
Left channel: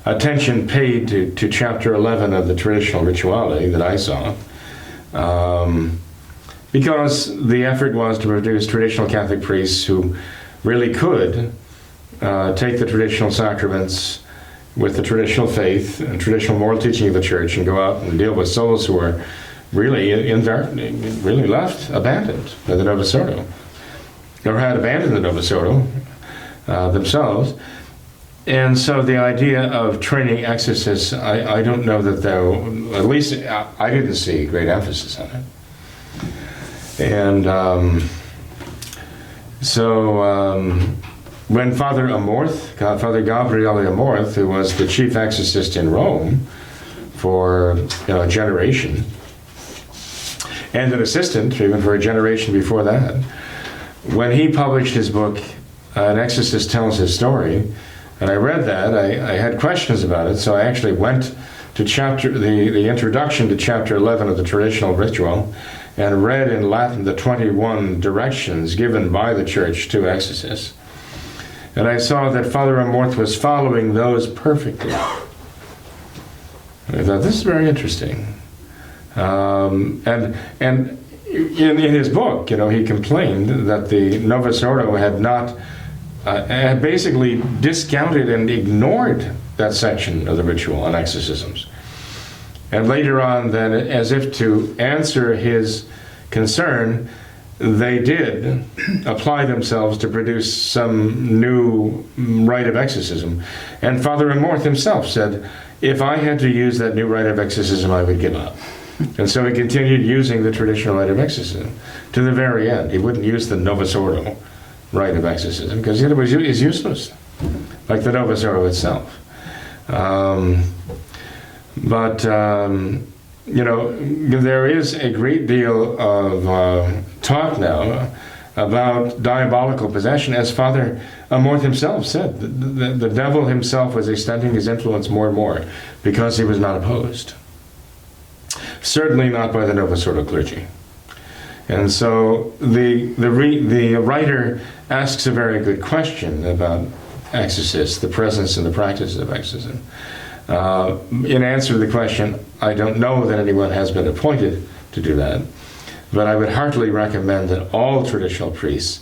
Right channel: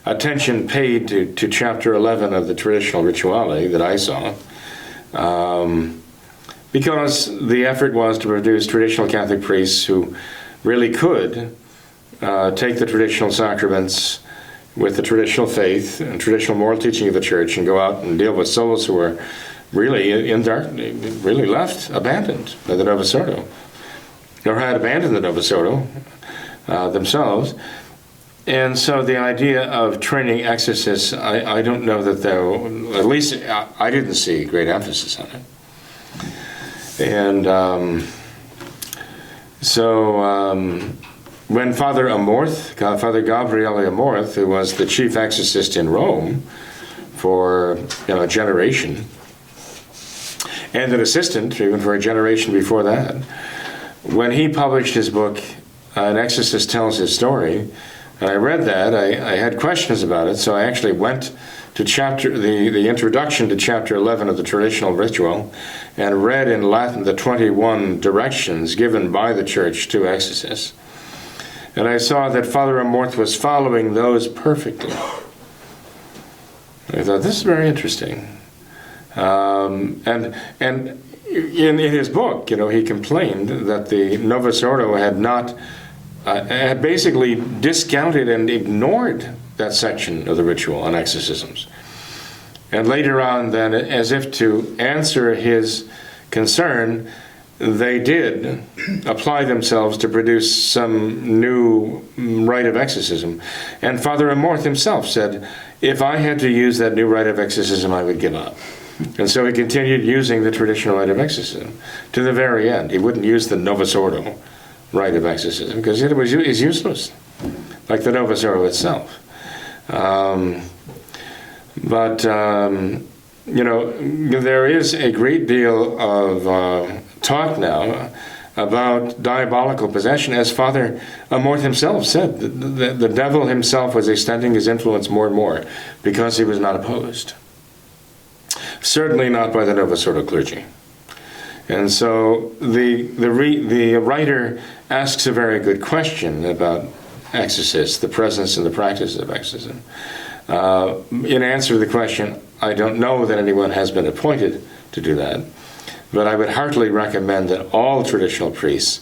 attention paid to chapter 11 of the traditional rituality that I saw, because the effort was to produce traditional Catholic priests who really could take the traditional sacraments with the traditional faith and traditional moral teaching of the Church and go out and deal with souls who are really really left, abandoned by the Novus Ordo, or had abandoned the Novus Ordo themselves. And so the idea of training exorcists, I don't know that at least I didn't see great emphasis on it. And when Father Gabriele Amorth, who was the chief exorcist in Rome for a generation, and an assistant even for a generation before that, when he published his book, An Exorcist Tells His Story, and I read that, I had questions about it, so I actually went to the introduction to chapter 11 of the traditional ritual and read in Latin the 21 directions given by the Church to exorcists. And I saw that Father Amorth was following those perfectly. I thought, this is very interesting. And in his book, he complained that the Novus Ordo had basically discounted and ignored that section of the ritual on exorcisms. And later on, then, as if to answer his concern, they did apply themselves to produce some new rite of exorcism. And Father Amorth himself said, if I had to use that new rite of exorcism, I would give up. And so he continued using the traditional rite of exorcism to the very end. He wouldn't use the Novus Ordo rite of exorcism because it was useless, like the Novus Ordo itself. There is a great deal of talk now about diabolical possession. As Father Amorth himself said, the devil himself was extending his influence more and more because he was not opposed. Certainly not by the Novus Ordo clergy. And so the writer asks a very good question about exorcists, the presence and the practice of exorcism. In answer to the question, I don't know that anyone has been appointed to do that, but I would heartily recommend that all traditional priests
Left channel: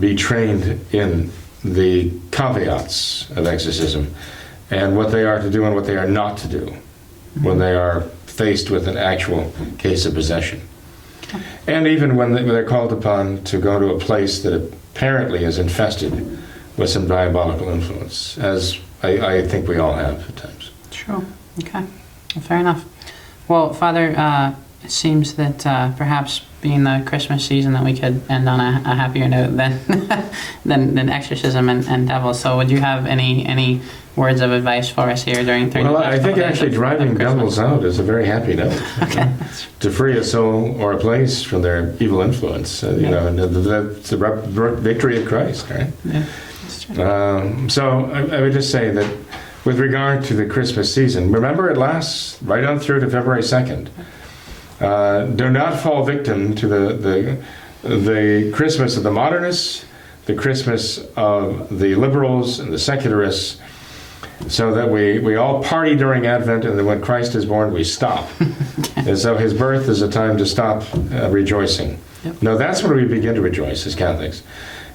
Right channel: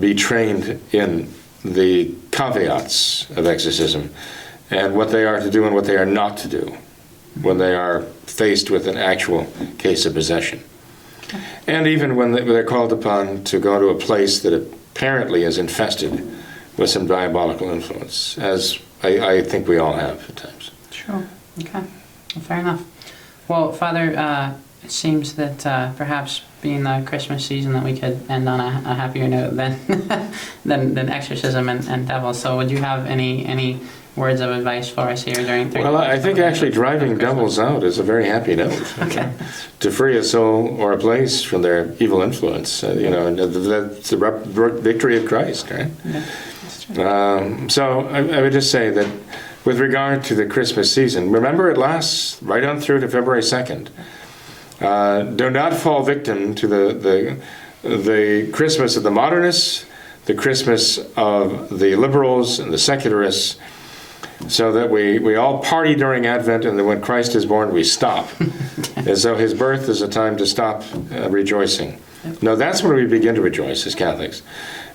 be trained in the caveats of exorcism and what they are to do and what they are not to do when they are faced with an actual case of possession. And even when they're called upon to go to a place that apparently is infested with some diabolical influence, as I think we all have at times. Sure. Okay. Well, fair enough. Well, Father, it seems that perhaps being the Christmas season that we could end on a happier note than exorcism and devils. So would you have any words of advice for us here during Well, I think actually driving devils out is a very happy note. Okay. To free a soul or a place from their evil influence. That's the victory of Christ, right? Yeah, that's true. So I would just say that with regard to the Christmas season, remember it lasts right on through to February 2nd. Do not fall victim to the Christmas of the modernists, the Christmas of the liberals and the secularists, so that we all party during Advent, and then when Christ is born, we stop. As though his birth is a time to stop rejoicing. Yep. No, that's when we begin to rejoice as Catholics.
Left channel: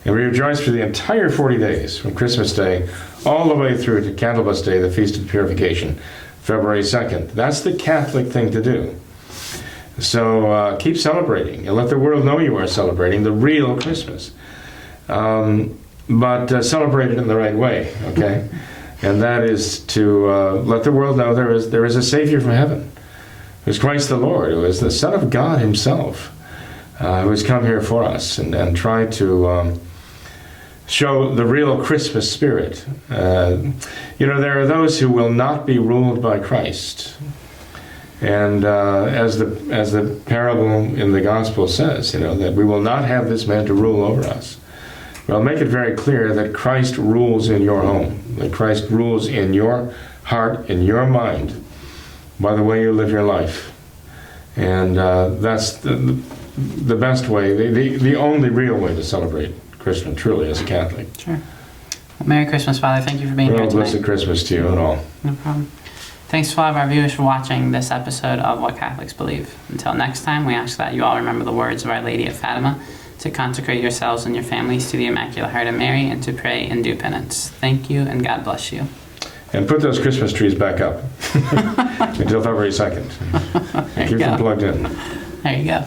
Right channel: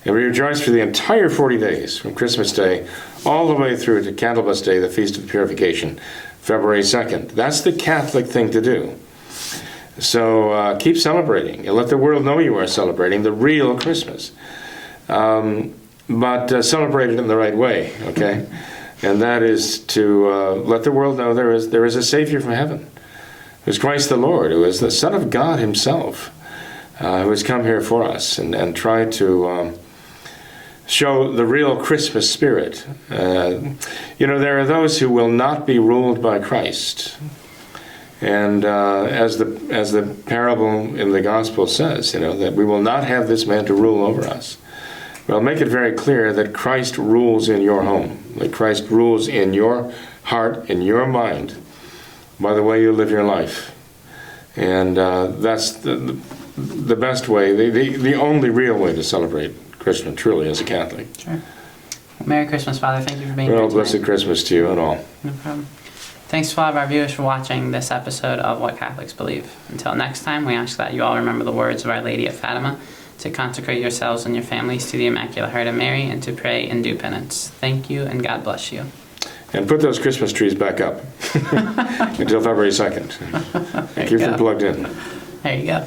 And we rejoice for the entire 40 days, from Christmas Day all the way through to Candlemas Day, the Feast of Purification, February 2nd. That's the Catholic thing to do. So keep celebrating, and let the world know you are celebrating the real Christmas. But celebrate it in the right way, okay? And that is to let the world know there is a Savior from heaven, who's Christ the Lord, who is the Son of God himself, who has come here for us, and try to show the real Christmas spirit. There are those who will not be ruled by Christ. And as the parable in the Gospel says, that we will not have this man to rule over us. Well, make it very clear that Christ rules in your home, that Christ rules in your heart, in your mind, by the way you live your life. And that's the best way, the only real way to celebrate Christmas, truly, as a Catholic. Sure. Well, Merry Christmas, Father. Thank you for being here Well, tonight. blessed Christmas to you and all. No problem. Thanks to all of our viewers for watching this episode of What Catholics Believe. Until next time, we ask that you all remember the words of Our Lady of Fatima, to consecrate yourselves and your families to the Immaculate Heart of Mary, and to pray and do penance. Thank you, and God bless you. And put those Christmas trees back up until February 2nd. Keep them plugged in. There you go.